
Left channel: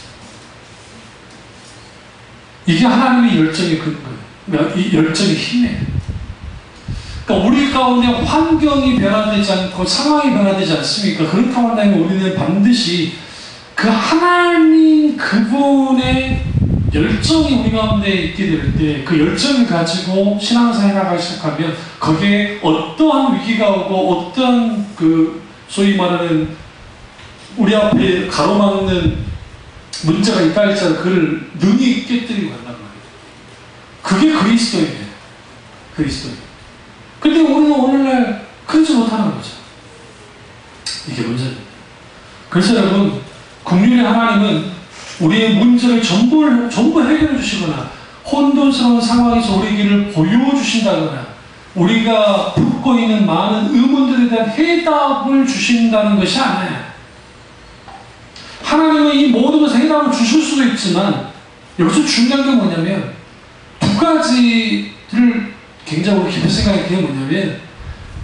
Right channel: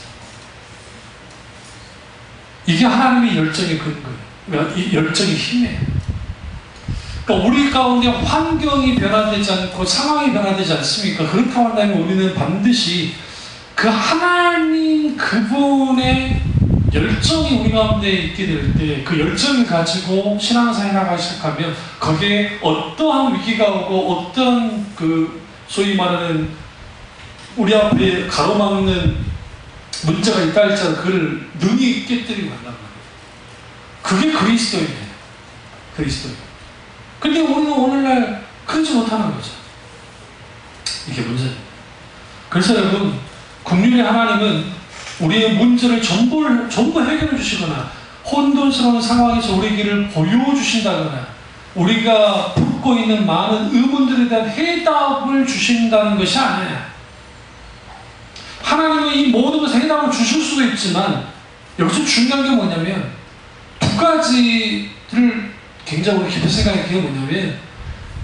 이게 하나님의 열정의 근거예요. 이 열정의 힘이에요. 그러니까 우리 가운데 환경이 변화되지 않고 상황이 변화되지 않습니까? 그렇게 한다면 우리는 반드시 그 하나님 그분의 열정이 우리 가운데 있게 될 때 그 열정을 가지고 신앙생활을 시작하면 거기에 어떠한 위기가 오고 어떠한 그 소위 말하는 우리 앞에 가로막는 문제가 있다 할지라도 그걸 능히 깨뜨리고 간단 말이에요. 그게 그리스도예요. 그리스도예요. 근데 우리는 오늘날 그러지 못하는 거죠. 이게 문제입니다. 그래서 여러분, 국률의 하나님은 우리의 문제를 전부 해결해 주시거나 혼돈스러운 상황에서 우리 길을 보여주신다거나 우리가 품고 있는 많은 의문들에 대한 해답을 주신다는 것이 아니에요. 하나님은 이 모든 것에 해답을 주실 수도 있지만 여기서 중요한 게 뭐냐면 두 가지를 굉장히 깊이 생각할 게 뭐냐면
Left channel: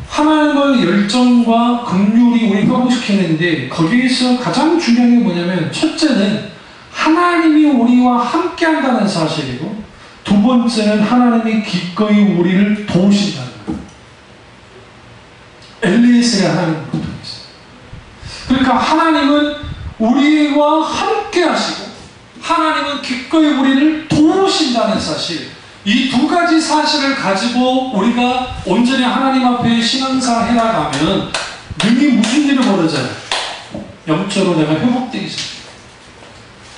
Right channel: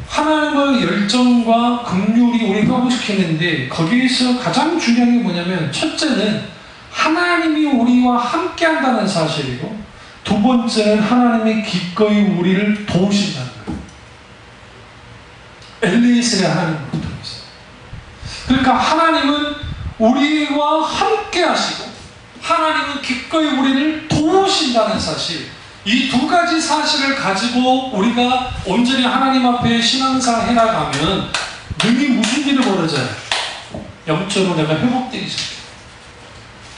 하나님의 열정과 긍휼이 우리를 회복시키는데 거기에서 가장 중요한 게 뭐냐면 첫째는 하나님이 우리와 함께 한다는 사실이고 두 번째는 하나님이 기꺼이 우리를 도우신다는 거예요. 엘리에셀의 하나님을 통해서. 그러니까 하나님은 우리와 함께 하시고 하나님은 기꺼이 우리를 도우신다는 사실, 이 두 가지 사실을 가지고 우리가 온전히 하나님 앞에 신앙생활 해나가면 능히 무슨 일이 벌어져요? 영적으로 내가 회복되기 시작해요.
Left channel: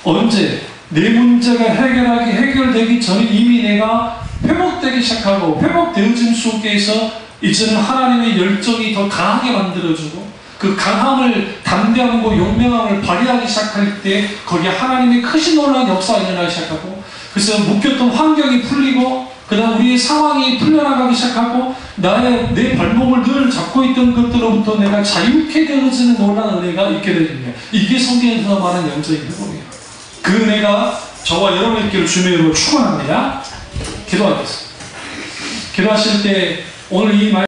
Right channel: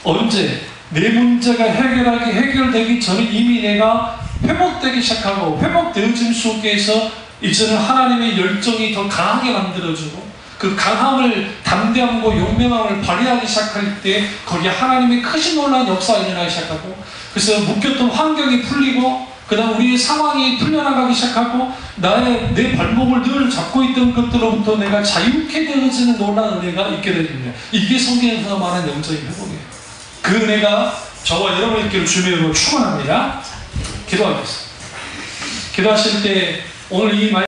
언제? 내 문제가 해결되기 전에 이미 내가 회복되기 시작하고 회복되어짐 속에서 이제는 하나님의 열정이 더 강하게 만들어주고 그 강함을, 담대함과 용맹함을 발휘하기 시작할 때 거기에 하나님의 크신 놀라운 역사가 일어나기 시작하고 그래서 묶였던 환경이 풀리고 그 다음 우리의 상황이 풀려나가기 시작하고 내 발목을 늘 잡고 있던 것들로부터 내가 자유케 되어지는 놀라운 은혜가 있게 됩니다. 이게 성경에서 말하는 영적인 회복이에요. 그 은혜가 저와 여러분에게 주님으로 축원합니다. 기도하겠습니다. 기도하실 때 오늘 이 말